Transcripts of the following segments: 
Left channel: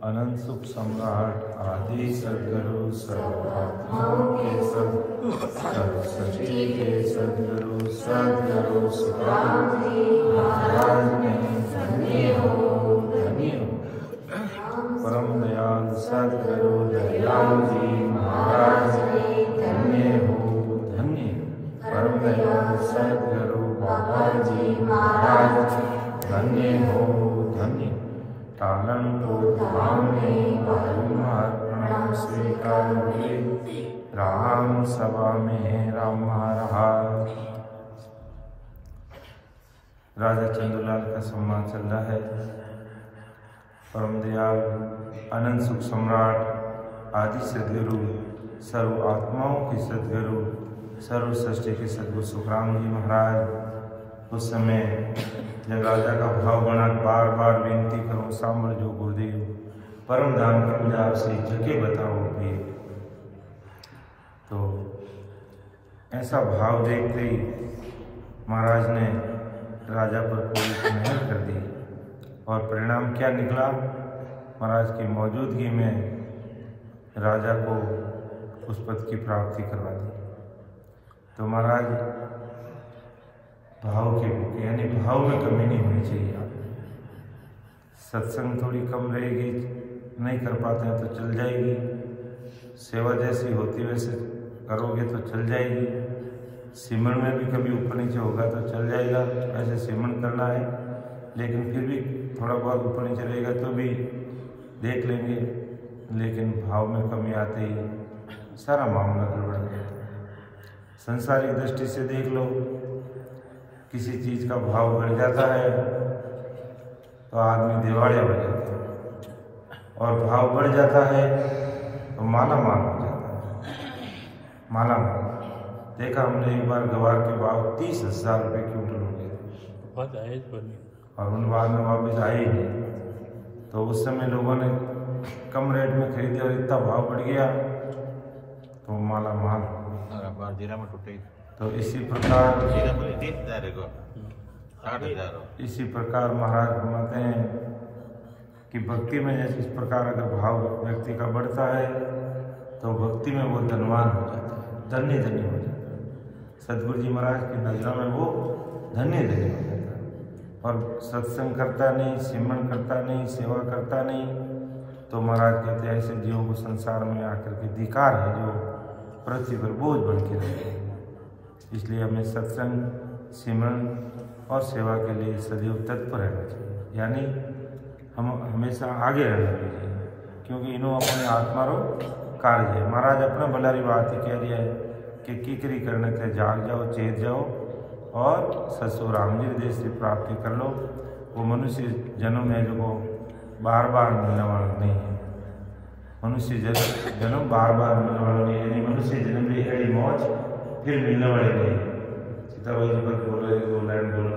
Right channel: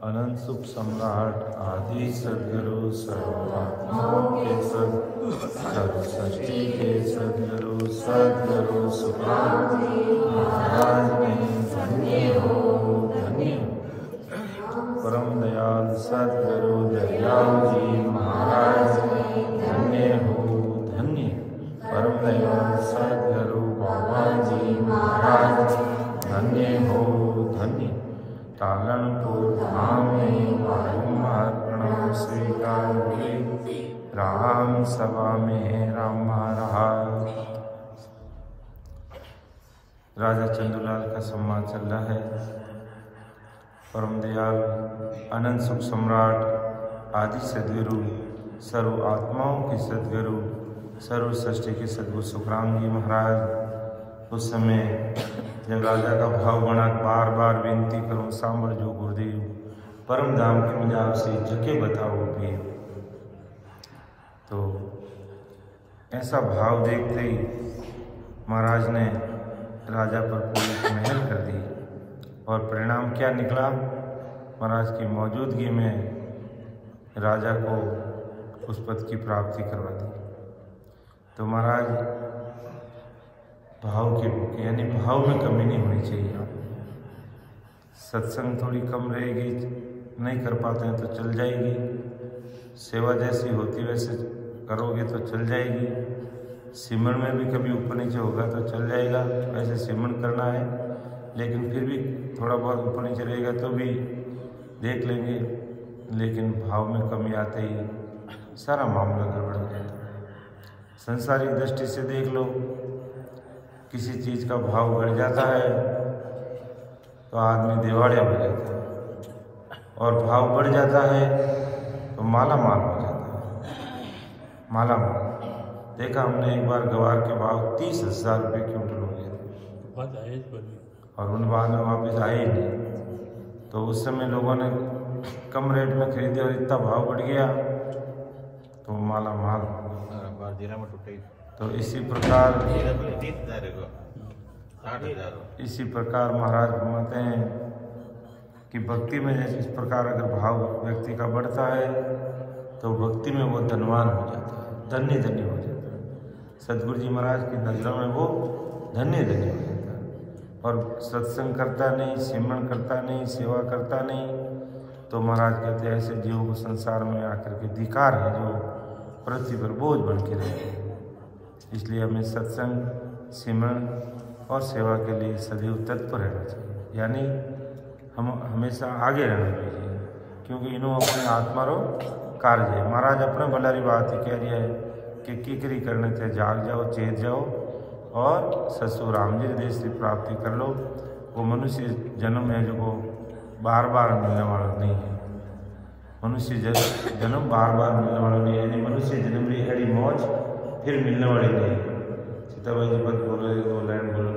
अनंत सुख सम्राट आदि सद्गुरु सर्वात्माओं के सर्व सृष्टि के सद्गुरु सुखराम महाराज ने धन्य हो परम दयाल सद्गुरु दयाल जी महाराज धन्य हो परम दयाल सद्गुरु बाबा जी महाराज धन्य हो तालनपुर धाम में बारंबार प्रणाम स्वीकार हुए। राम सभा में राम महाराज। राजा चंदूलाल का सम्मान चल रहा है। परम दयाल अनंत सुख सम्राट आदि सद्गुरु सर्व आत्माओं के सद्गुरु सर्व सृष्टि के सद्गुरु सुखराम जी महाराज उस समय जब राजा का भाव बना बार बार विनती करो सांबर जो गुरुदेव परम धाम के मुझे आपसे जगह बताओ भी। तो ऐसा भाव देखते ही महाराज ने राजा पर कोई मेहर कर दी और परिणाम क्या निकला, महाराज की मौजूदगी में राजा को उस पद की प्राप्ति करवा दी। तो महाराज भाव के भूखे यानी भाव में कमी नहीं होनी चाहिए। आप सत्संग थोड़ी कम रहेगी, नहीं कर पाते हैं तो चल जाएगी, सेवा जैसी होती वैसे करोगे तो चल जाएगी, सिमरन में भी कभी ऊपर नीचे होगा तो चल जाएगा, ऐसे सिमरन करना है। लेकिन फिर भी थोड़ा बहुत ऊपर नीचे रहेगा तो भी देख लेंगे, लेकिन भाव में कमी आते ही सारा मामला गड़बड़ हो जाता है। संसारिक दृष्टि से देख लो, किसी चीज़ का भाव बढ़ जाता है तो आदमी दिवालिया हो जाता है, और भाव बढ़ जाता है तो माला माल हो जाता है। माला माल देखा हमने एक बार गवार के भाव 30,000 रुपये क्विंटल हो गए थे और उन बाद में वापस आए ही नहीं। तो उस समय लोगों ने कम रेट में खरीदे और इतना भाव बढ़ गया तो माला माल। तो इसी प्रकार महाराज फरमाते हैं कि भक्ति में जैसे इस प्रकार अगर भाव व्यक्ति का बढ़ता है तो भक्ति में वो धनवान हो जाता है, धन्य हो जाता है। सदगुरु जी महाराज की नज़रों में वो धन्य हो जाता है। और सत्संग करता नहीं, सिमरन करता नहीं, सेवा करता नहीं, तो महाराज कहते हैं ऐसे जीवों को संसार में आकर के धिक्कार है जो पृथ्वी पर बोझ बन के रहते हैं। इसलिए हमें सत्संग, सिमरन और सेवा के लिए सदैव तत्पर रहना चाहिए, यानी हम हमेशा आगे रहना चाहिए, क्योंकि इन्हों अपनी आत्मा रो कार्य है। महाराज अपने भलारी बात ही कह रही है कि किकरी करने थे जाग जाओ, चेत जाओ और ससुर राम जी देश से प्राप्ति कर लो। वो मनुष्य जन्म है जो को बार बार मिलने वाला नहीं है। मनुष्य जन्म बार बार मिलने वाला नहीं है। मनुष्य जन्म रही है मौज फिर मिलने वाली नहीं। सीताबाई जी बात बोल रहे हो, लाइन बोलो।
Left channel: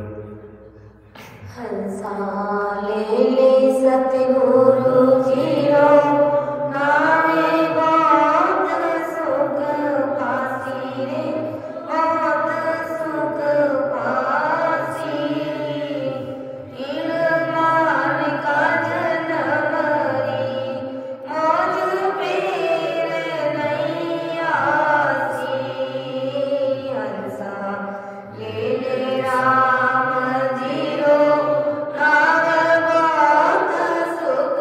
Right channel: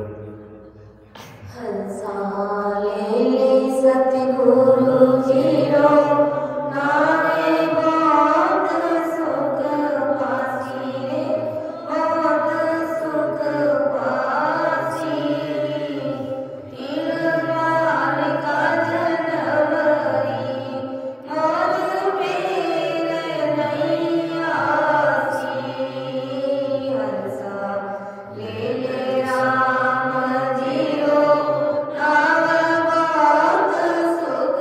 राम जी रो नागर बात सुख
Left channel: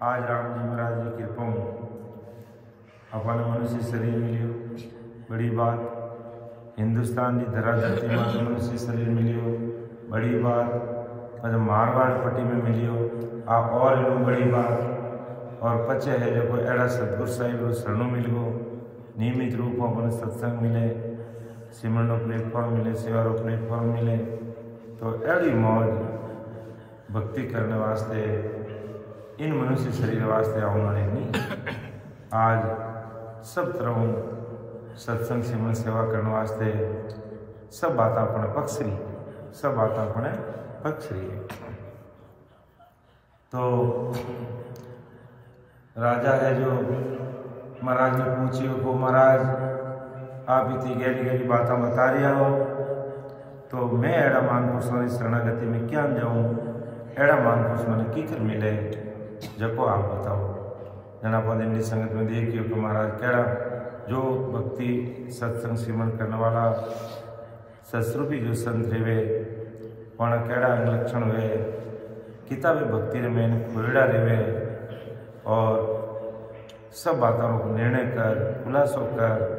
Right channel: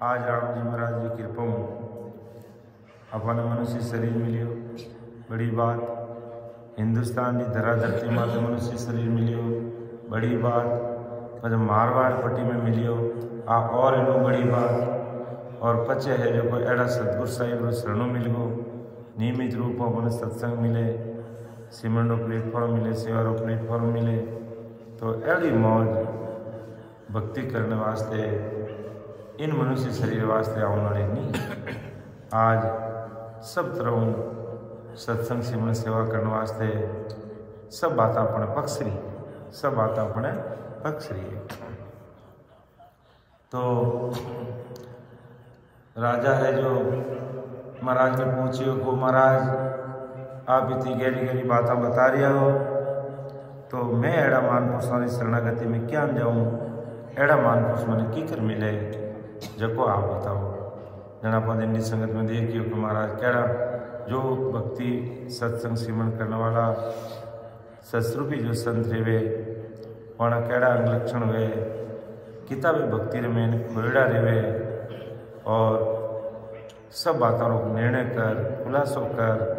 आज राम जी महाराज जी कृपा अपन मनुष्य शरीर मिलियो, बड़ी बात। हिंदुस्तान की धरा धरती में तो मनुष्य शरीर मिलियो, बड़ी बात। पर मारवाड़ पट्टी में मिलियो आ और इनू बड़ी बात। और पचे है जो कोई अड़ा सतगुरु साहिब रो शरणों मिल गो, नियमित रूप में अपने सत्संग मिले, सिमरन रो प्लेटफॉर्म मिले, सेवा रो प्लेटफॉर्म मिले, तो अड़ी मौज भक्ति करने वास्ते इन मनुष्य शरीर वास्ते आने वाले नहीं। आज सब तरह सत्संग सिमरन सेवा करने वास्ते सब बात अपने पक्ष रही, सब बात अपने पक्ष रही है। तो राजा है जो महाराज ने पूछियो को, महाराज आप इतनी गहरी गहरी बातें बता रहा हो, तो मैं एड़ा महापुरुषों की शरणागति में क्या जाऊँ, एड़ा महापुरुष मैंने की कर मिले जको आप बताओ। जना पद इंडी संगत में देखियो कि महाराज केड़ा जो भक्ति सत्संग सिमरन करने वाला ससरूपी जो संत रेवे वण केड़ा अंग लक्षण वे, किताबे भक्ति रे मैंने खोड़ा रेवे और सब बातों को निर्णय कर खुलासो कर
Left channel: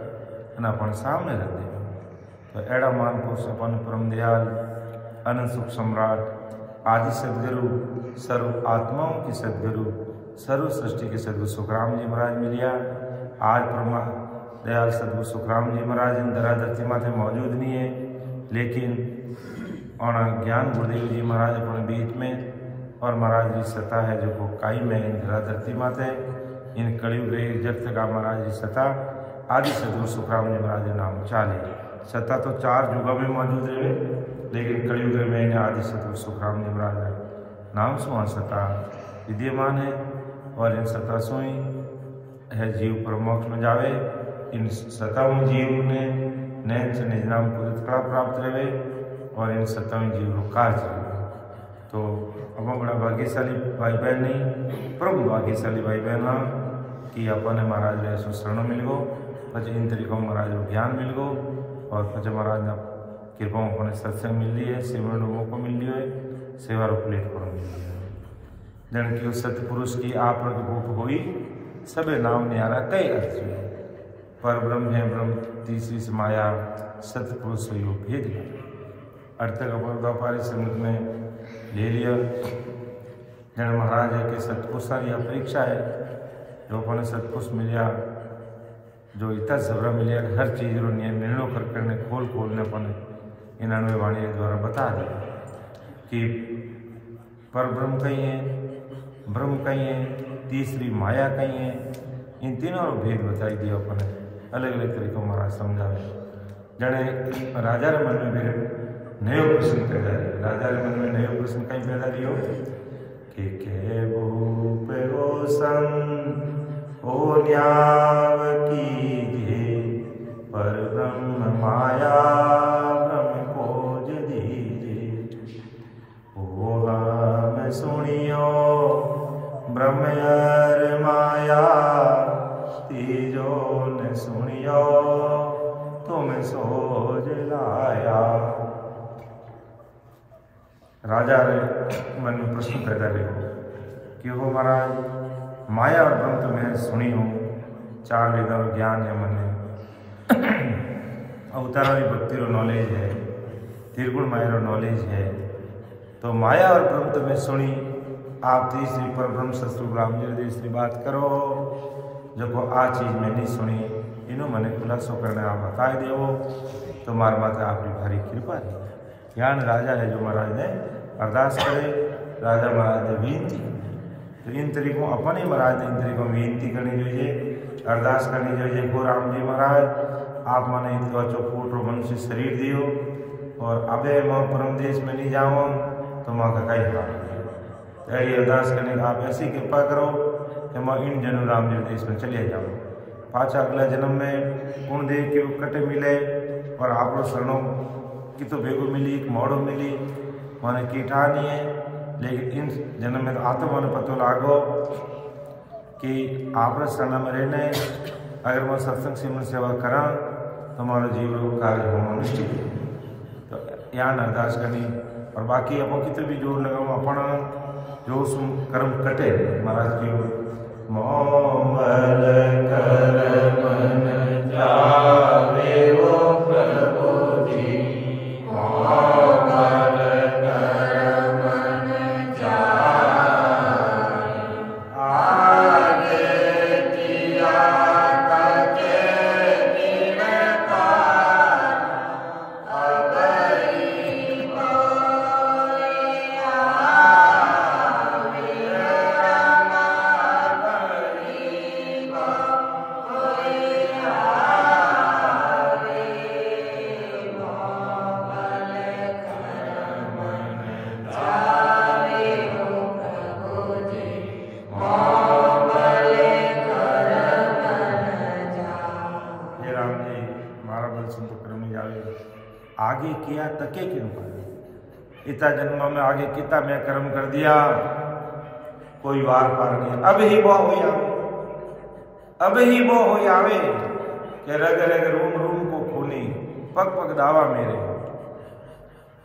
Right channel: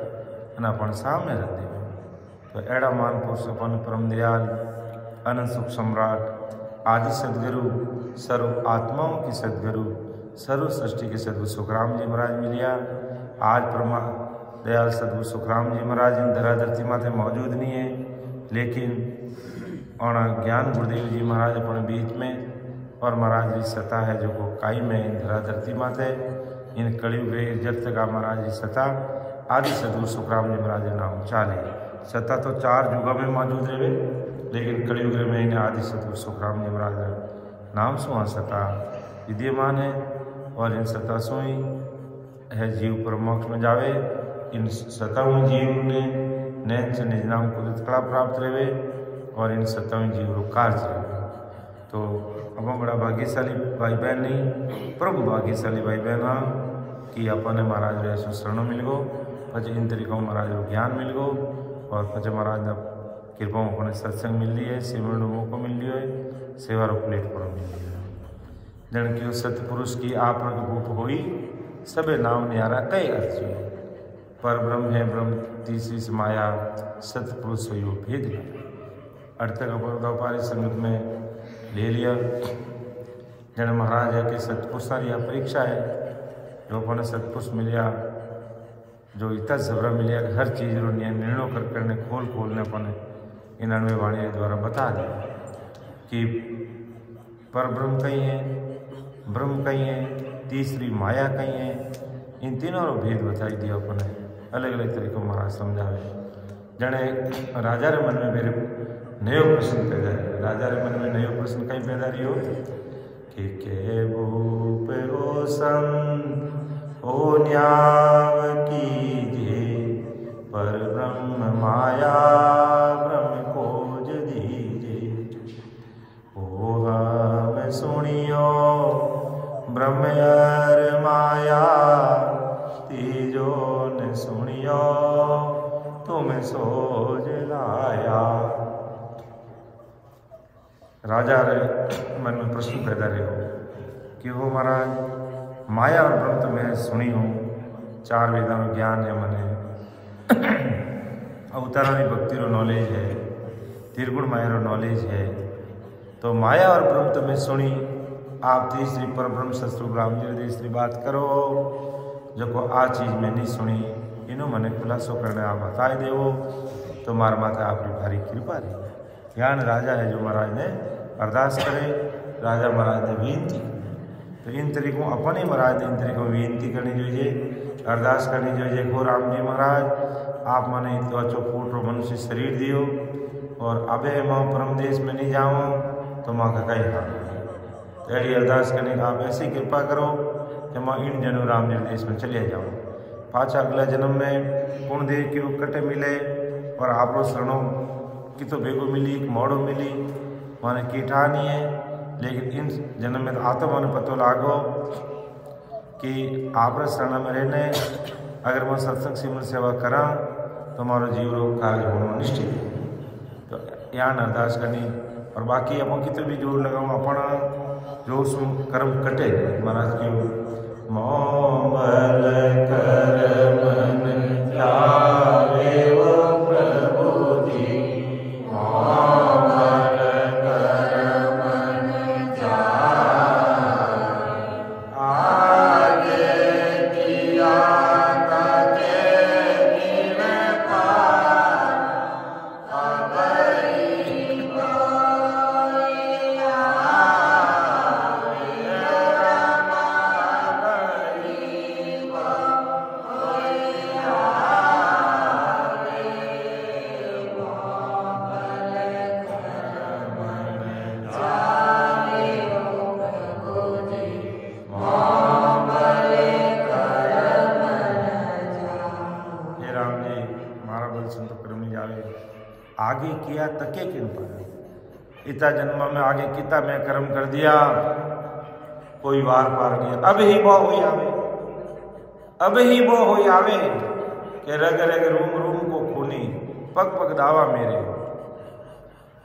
अपन सामने रख दे। तो एड़ा महापुरुष अपन परम दयाल अनंत सुख सम्राट आदि सदगुरु सर्व आत्माओं की सदगुरु सर्व सृष्टि के सदगुरु सुखराम जी महाराज मिलिया। आज परमा दयाल सदगुरु सुखराम जी महाराज इन धरा धरती माथे मौजूद नहीं है, लेकिन और ज्ञान गुरुदेव जी महाराज अपने बीच में और महाराज जी सता है जो को काई में इन धरा धरती माथे इन कलयुग रे जब तक महाराज जी सता आदि सदगुरु सुखराम जी महाराज नाम चाले। सता तो 4 युगों में मौजूद रहे, लेकिन कलयुग में इन आदि सदगुरु सुखराम जी महाराज नाम सुहा सता विद्यमान है। और इन सता सो ही है जीव परमोक्ष में जावे। इन सताओं जीव ने नैन से निज नाम को कला प्राप्त रहे और इन सताओं जीव रो कार्य रहे। तो अब बड़ा भाग्यशाली भाई बहन नहीं, परम भाग्यशाली भाई बहन हाँ कि अपन महाराज रे ऐसो शरणों मिल गो, पचे इन तरीकों महाराज रो ज्ञान मिल गो और पचे महाराज ना कृपा अपने सत्संग मिल रही है, सिमरन मौको मिल रही है, सेवा रो प्लेटफॉर्म मिल रही है। जन की सतपुरुष की आप रूप हुई सबे नाम न्यारा कई अर्थ हुए। पर ब्रह्म है ब्रह्म तीसरी से माया सतपुरुष हुई वो भेद लाया। अर्थ का व्यापारी संगत में ले लिया। जन महाराज है कि सतपुरुषा यह परीक्षा है जो अपने सतपुरुष मिलिया, जो इतना जबरा मिलिया हर चीज़ रो निर्णय कर करने खोल ने अपने 99 वाणी द्वारा बता दिया कि पर ब्रह्म कहीं है, ब्रह्म कहीं है, तीसरी माया कहीं है। इन तीनों रो भेद बताई दिया अपने अलग अलग तरीकों महाराज समझावे। जने राजा रे मन में मेरे नयो प्रश्न पैदा है। राजा रे मन में नयो प्रश्न कहीं पैदा रही कि के भूप रोशन ओ न्याव कीजे, पर ब्रह्म माया ब्रह्म खोज दीजे। ओ हम सुनियो ब्रह्म यार माया, तीजो न सुनियो तुम सोज लाया। राजा रे मन में प्रश्न पैदा रहो कि वो महाराज माया और ब्रह्म तो मैं सुनी हूँ, 4 वेदां ज्ञान है मने, अवतारा की भक्ति रो नॉलेज है, त्रिगुण माया रो नॉलेज है। तो माया और ब्रह्म तो मैं सुनी, आप तीसरी पर ब्रह्म सतस्वरूप राम जी तीसरी बात करो जो को आ चीज़ मैं नहीं सुनी, इनो मने खुलासो करने आप बताए देवो तो मार माता आपकी भारी कृपा रही। ज्ञान राजा है जो महाराज ने अरदास करे राजा महाराज ने विनती करी। तो इन तरीकों अपन ही महाराज ने इन तरीकों विनती करनी જોઈએ, अरदास करनी જોઈએ को राम जी महाराज आप मने इतना चौफूट रो मनुष्य शरीर दियो और अबे माँ परम देश में नहीं जाओ तो माँ का कई हाल नहीं। तो ऐसी अरदास करने का आप ऐसी कृपा करो कि माँ इन जनु राम जी देश में चले जाओ, पाछा अगला जन्म में कुण देव की कटे मिले और आप रो शरणों की तो भेगो मिली, एक मोड़ो मिली माने कीठा नहीं है, लेकिन इन जन्म में तो आत्मा मन पतो लागो कि आप शरण में रहने अगर मैं सत्संग सिमरन सेवा करा तो हमारा जीव रोग कार्य होना निश्चित है। तो यहाँ अरदास करनी और बाकी अपन कितने भी जोर लगाओ अपना जोर से कर्म कटे। महाराज क्यों मोबल कर मन लावे ओ प्रभु जी, मोबल कर मन आगे किया आगे किया तके किन पाया। इतना जन्म में आगे कितना मैं कर्म कर दिया, कोई वार पार नहीं। अब ही वो हो आवे, अब ही वो हो आवे के रग रग रूम रूम को खूनी, पग पग दावा मेरे।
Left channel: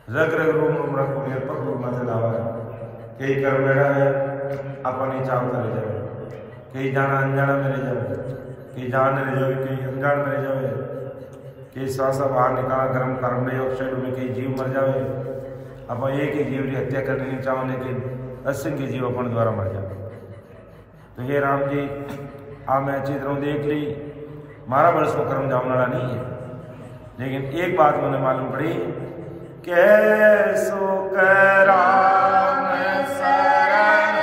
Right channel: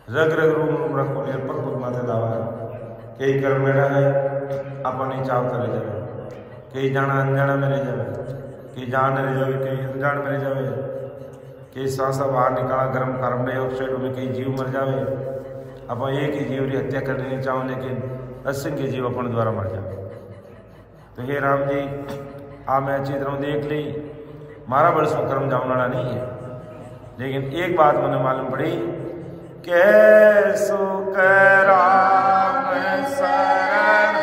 रग रग रूम रूम रखो मेरे, पग पग माथे दावा है। कई कर्म बेड़ा है अपन ही चाव करे जावे, कई जाना अनजाना में रह जावे, कई जान रह जावे, कई अनजान में रह जावे, कई श्वासा बाहर निकाला गर्म कार्बन डाइऑक्साइड में, कई जीव मर जावे। अपन एक ही जीव की हत्या करनी नहीं चाहो, लेकिन असंख्य जीव अपन द्वारा मर जावे। तो हे राम जी आ मैं अच्छी तरह देख ली, मारा बरसों कर्म जावनाड़ा नहीं है, लेकिन एक बात मैंने मालूम पड़ी कैसो राम शरण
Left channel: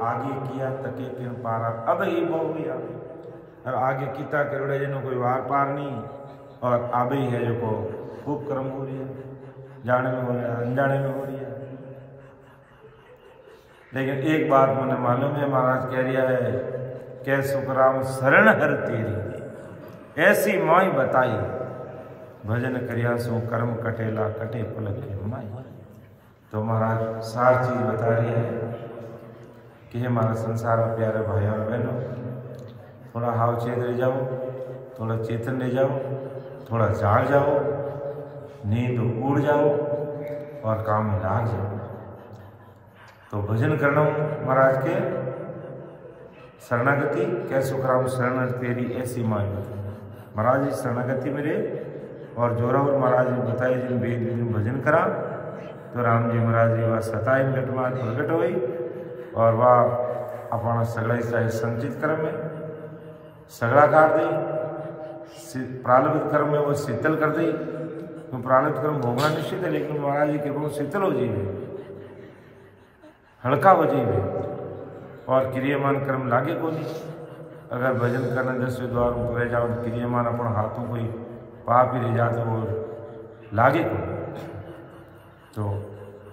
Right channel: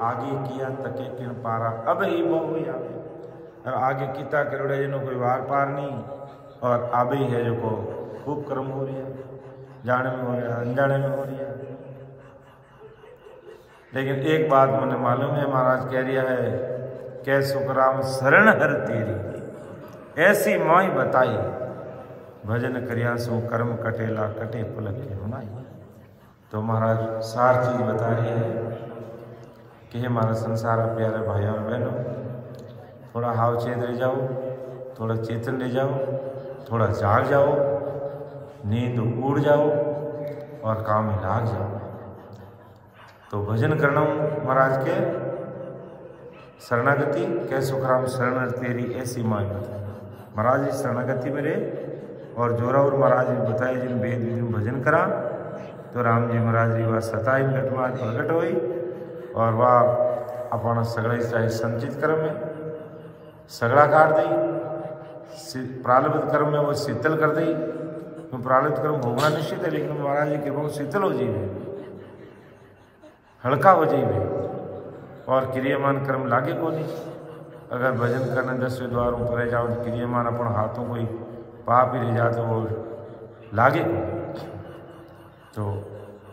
आगे किया तके किन पारा, अब ही वो हुई आवे। और आगे किता करोड़े जनो कोई वार पार नहीं, और आबे ही है जो को खूब कर्म हो रही है, जाने में हो रहा है, अनजाने में हो रही है। लेकिन एक बात मुझे मालूम है, महाराज कह रिया है कै सुखराम शरण हर तेरी, ऐसी माई बताई भजन करिया सो कर्म कटेला कटे पलक के माई। तो महाराज सार चीज बता रही है कि हे हमारा संसार प्यारे भाइयों और बहनों, थोड़ा हाव चेत रह जाओ, थोड़ा चेतन रह जाओ, थोड़ा जाग जाओ, नींद उड़ जाओ और काम में लाग जाओ। तो भजन करना महाराज के शरणागति कै सुखराम शरण तेरी ऐसी माई बताई। महाराज जी शरणागति मेरे और जोरावर महाराज जी बताए जिन वेद विधि भजन करा तो राम जी महाराज जी वह सताइन घटमार प्रकट हुई और वह अपना सगड़ा चाहे संचित कर्म में सगड़ा काट दी, प्रारब्ध कर्म में वो शीतल कर दी। तो प्रारब्ध कर्म भोगना निश्चित है, लेकिन महाराज जी कृपा शीतल हो जाइए, हल्का हो जाइए और क्रियमान कर्म लागे को नहीं। अगर भजन करना 10 द्वार ऊपर जाओ तो क्रियमान अपन हाथों कोई पाप ही रह जाए तो वो लागे को नहीं। तो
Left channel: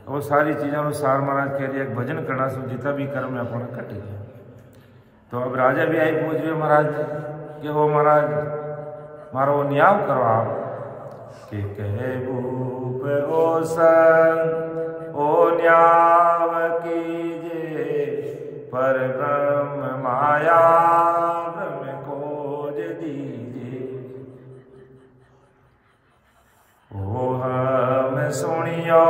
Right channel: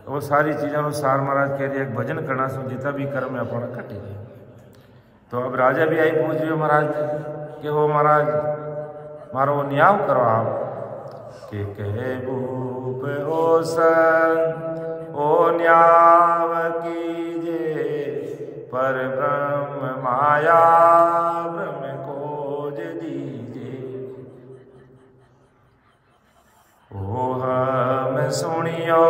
वो सारी चीज़ों अनुसार महाराज कह रही है भजन करना सो जितना भी कर्म है अपना कटे। तो अब राजा भी आई पूछ रहे महाराज ने कि हो महाराज मारो वो न्याय करो आप कि कहे भूप ओ सन ओ न्याय कीजे पर ब्रह्म माया ब्रह्म खोज दीजे। ओ हम सुनियो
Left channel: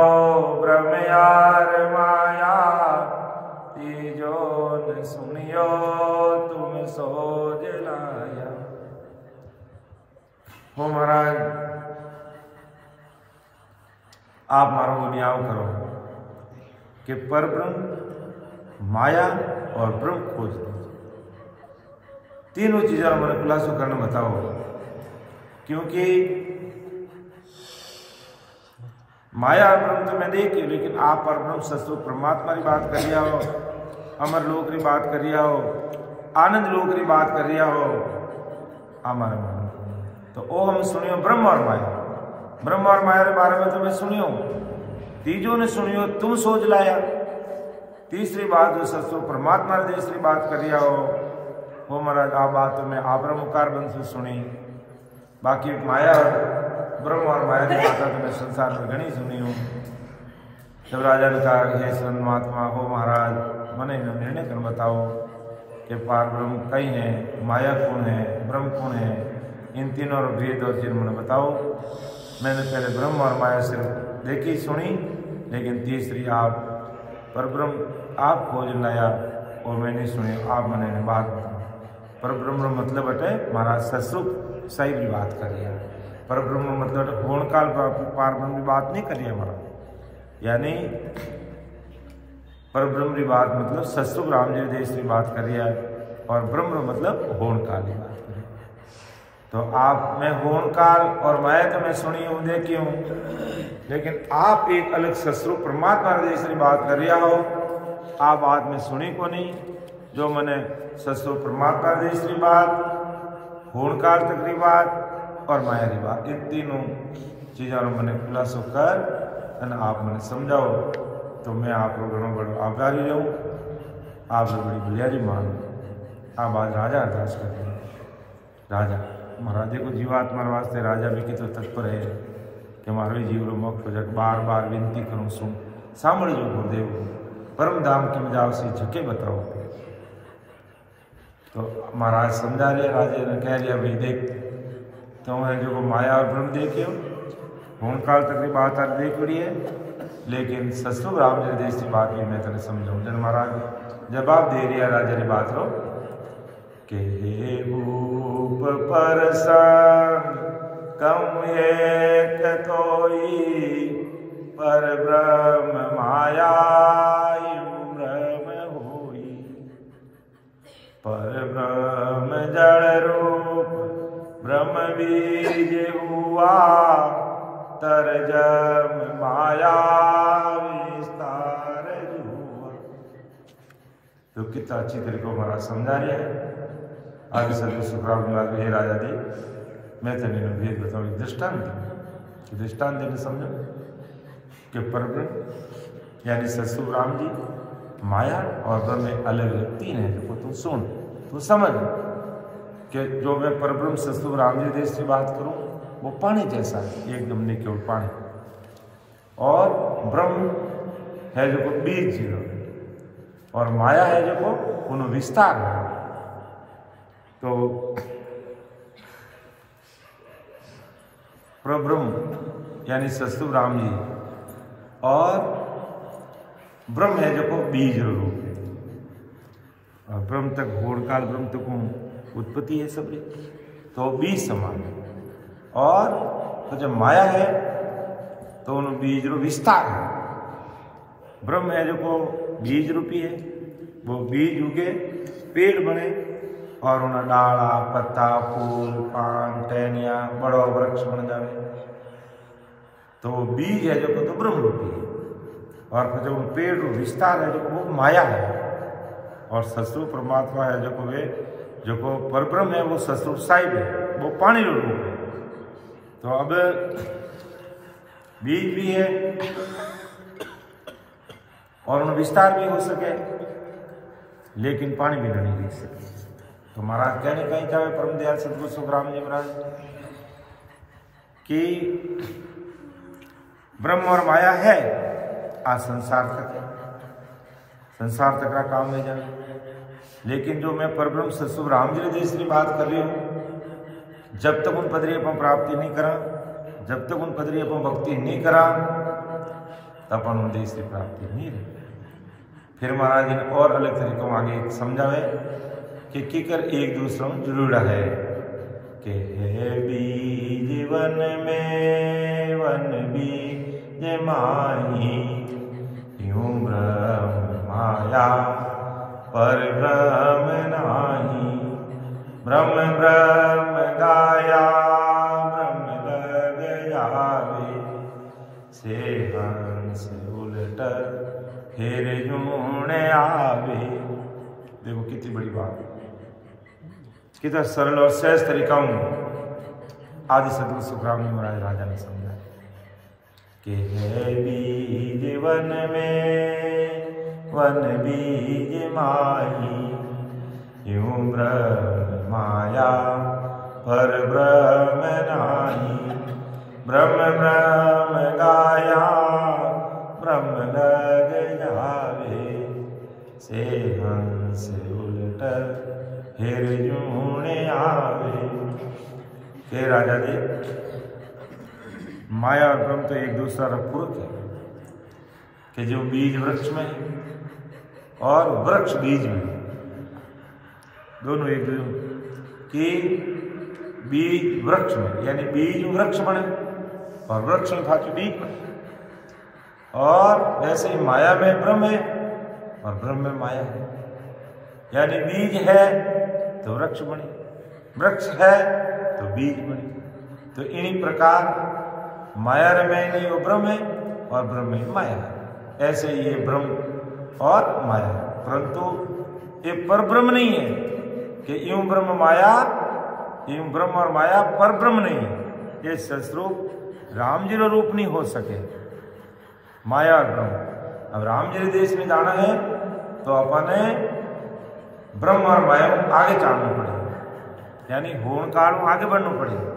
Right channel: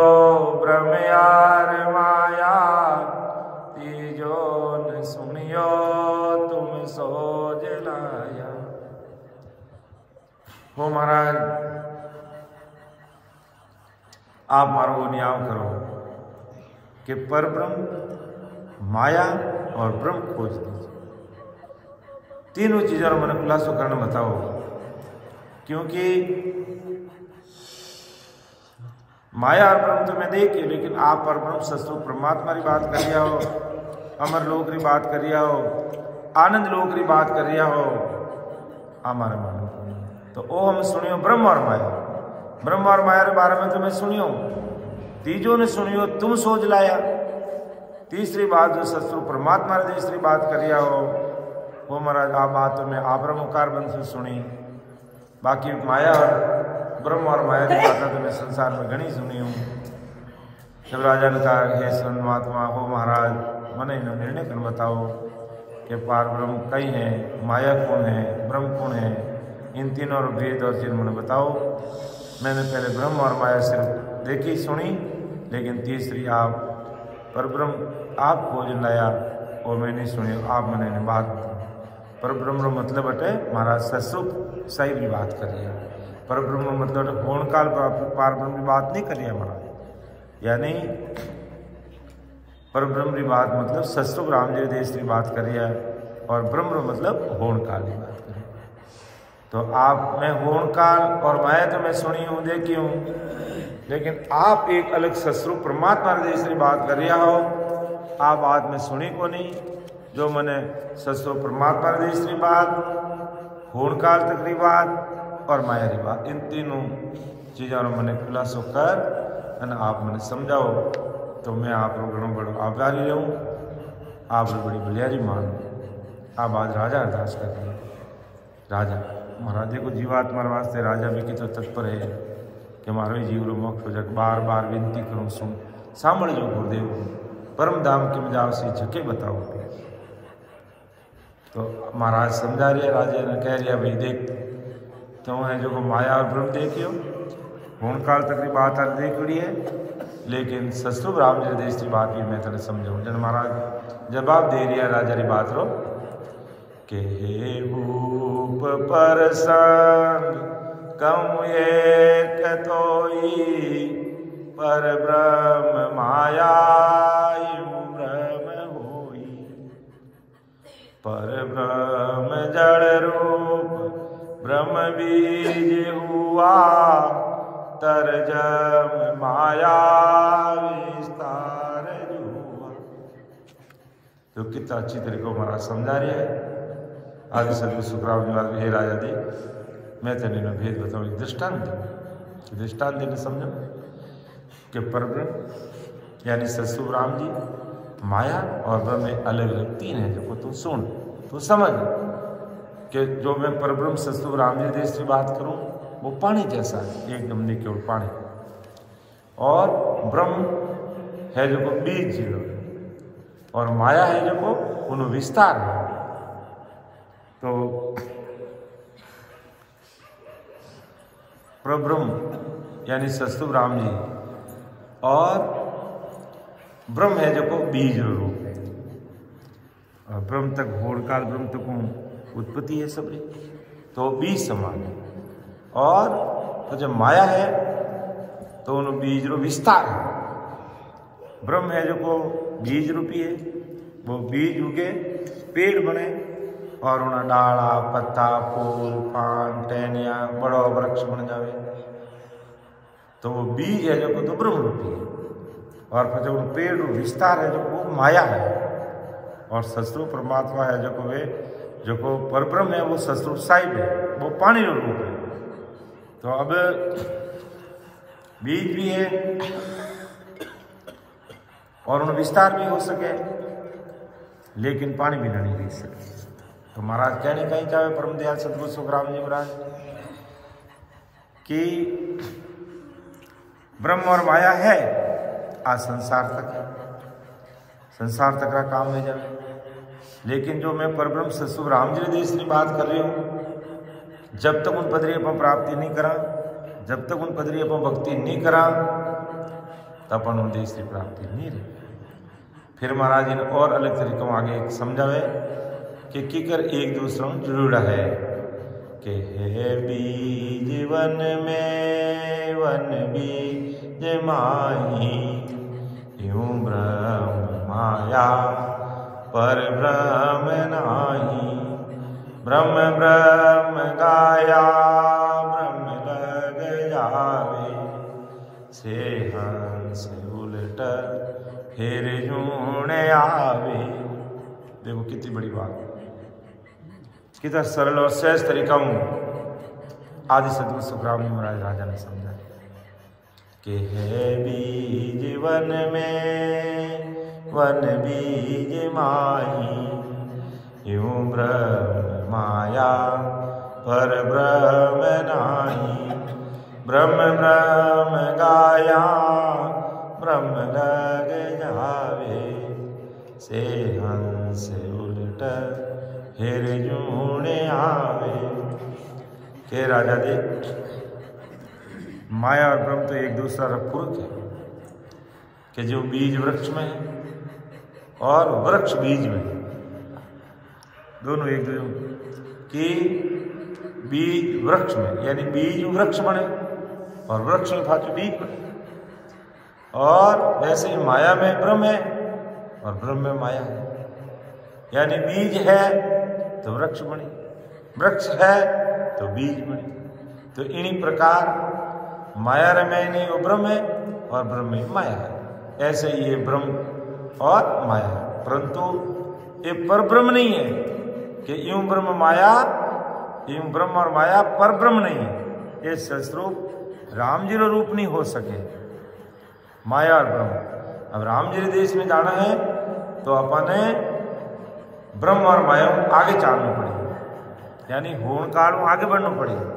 ब्रह्म यार माया तीजो न सुनियो तुम सोज लाया। हो महाराज आप मारो वो न्याय करो कि पर ब्रह्म माया और ब्रह्म खोज दीजिए। तीनों चीजों मैंने खुलासा करना बताओ, क्योंकि माया और ब्रह्म तो मैं देखिए, लेकिन आप पर ब्रह्म सस्तु परमात्मा की बात कर रिया हो, अमर लोक की बात कर रिया हो, आनंद लोक की बात कर रिया हो, हमारे मानो तो ओ हम सुनियो ब्रह्म और माया। ब्रह्म और माया के बारे में तुम्हें सुनियो, तीजों ने सुनियो तुम सोच लाया। तीसरी बात जो सस्तु परमात्मा ने तीसरी बात कर रिया हो वो महाराज आप बात तो मैं आप ब्रह्मकार बंद से सुनी। बाकी माया और ब्रह्म और माया की बातें तो मैं संसार में घनी सुनी हूँ। जब राजा ने कहा हे सन महात्मा हो महाराज मैंने निर्णय कर बताओ कि पार ब्रह्म कई हैं, माया कौन है, ब्रह्म कौन है, इन तीनों और भेद और चिन्ह मैंने बताओ। मैंने पहले ब्रह्म और माया सिर्फ देखी सुनी, लेकिन तीसरी आप पर ब्रह्म आप खोज लाया और मैं नहीं सुनी, आप मैंने बात पर ब्रह्म मतलब बटे महाराज ससुख सही भी बात कर रही है। पर ब्रह्म मतलब होण काल पार ब्रह्म की बात नहीं कर रही है महाराज, यानी पर ब्रह्म की बात मतलब ससुख राम जी देश की बात कर रही है और ब्रह्म मतलब होण काल की बात कर रही है। तो आप मैं होण काल और माया तो मैं सुनी हूँ देखी हूँ, लेकिन आप एक अलग ससुख परमात्मा देश की बात कर रहा हो, आप बात में सुनी को नहीं। जो मैंने ससुख परमात्मा देश की बात, होण काल तक की बात और माया की बात, इन तीनों चीज़ों में मैंने खुलासो कर और आप मैंने समझाओ तो मैं आप घणो बड़ो आभारी रहूँ, आप बड़ी बलियारी मान। आप आज राजा अरदास कर रही राजा महाराज को जीवात्मा वास्ते राजा भी कितो तत्पर है कि मारो जीवरो मोक्ष हो जाए। बार बार विनती करूँ सुन सांभ जो गुरुदेव परम धाम की मजाव से झके बताओ। तो महाराज समझा रहे राजा ने कह रहा भाई देख तो है जो माया और ब्रह्म देखियो होण काल तक की बात आज देख रही है, लेकिन ससुर राम जी देश की बात भी मैं तेने समझाऊँ। जन महाराज जवाब दे रहा राजा की बात रो के हे भूप पर संग कहूँ एक तोई पर ब्रह्म माया ब्रह्म होई। पर ब्रह्म जड़ रूप ब्रह्म बीज हुआ तर जम माया विस्तार हुआ। तो कितना अच्छी तरीके को महाराज समझा रहे हैं। आदि सदगुरु सुखराम जी हे राजा दे मैं तेने भेद बताऊँ दृष्टांत दृष्टांत देने समझो कि परब्रह्म यानी ससुर राम जी माया और ब्रह्म में अलग अलग तीन है जो को तू सुन तू समझ कि जो मैं परब्रह्म ससुर राम जी देश की बात करूं वो पानी जैसा है एकदम नहीं केवल पानी, और ब्रह्म है जो को बीज जीरो है और माया है जो को उन विस्तार है। तो प्रब्रह्म यानी सस्तुभ राम जी और ब्रह्म है जो को बीज रूप है और ब्रह्म तक होड़ काल ब्रह्म तक उत्पत्ति है सबरी तो बीज समान है और तो जब माया है तो उन बीज रो विस्तार है। ब्रह्म है जो को बीज रूपी है, वो बीज उगे पेड़ बने और उन्हें डाला पत्ता फूल पान टहनिया बड़ो वृक्ष बन जावे तो वो बीज है जो को तो ब्रह्म रूपी है और फिर जब पेड़ रूप विस्तार है जो को वो माया है और सस्वरूप परमात्मा है जो को वे जो को परब्रह्म है वो सस्वरूप साहिब है, वो पानी रूप है। तो अब बीज भी है और उन विस्तार भी हो सके लेकिन पानी भी नहीं रह सके। तो महाराज कहने कहीं चाहे परम दयाल सदगुरु सुखराम जी महाराज कि ब्रह्म और माया है आज संसार तक है, संसार तक का काम ले जाना। लेकिन जो मैं परब्रह्म सस्तुभ राम जी देश की बात कर रही हूं, जब तक उन पदरी अपन प्राप्ति नहीं करा, जब तक उन पदरी अपन भक्ति नहीं करा तब अपन उन देश की प्राप्ति नहीं रही। फिर महाराज ने और अलग तरीकों आगे समझावे कि कर एक दूसरों जुड़ा है कि है बीज वन में वन बीज माही यूं ब्रह्म माया पर ब्रह्म नाही। ब्रह्म ब्रह्म गाया ब्रह्म लग जावे से हंस उलट फिर जूने आवे। देखो कितनी बड़ी बात, कितना सरल और सहज तरीका आदि सदगुरु सुखराम जी महाराज राजा ने समझा कि है बीज वन में वन बीज माही यूं ब्रह्म माया पर ब्रह्म नाही। ब्रह्म ब्रह्म गाया ब्रह्म लग जावे से हंस उलट फिर जूने आवे। के राजा देख माया और ब्रह्म तो एक दूसरा पूरक है कि जो बीज वृक्ष में है और वृक्ष बीज में है, दोनों एक दूसरे की बीज वृक्ष में यानी बीज वृक्ष बने और वृक्ष में फाचु बीज बने। और वैसे ही माया में ब्रह्म है और ब्रह्म में माया है, यानी बीज है तो वृक्ष बने, वृक्ष है तो बीज बने। तो इन्हीं प्रकार माया में नहीं वो ब्रह्म है और ब्रह्म में माया है। ऐसे ही ये ब्रह्म और माया है, परंतु ये पर ब्रह्म नहीं है कि यूं ब्रह्म माया यूं ब्रह्म और माया पर ब्रह्म नहीं है। ये सस्वरूप राम जी रूप नहीं हो सके माया और ब्रह्म। अब राम जी देश में जाना है तो अपने ब्रह्म और माया आगे चलना पड़ेगा, यानी होण काल आगे बढ़ना पड़ेगा।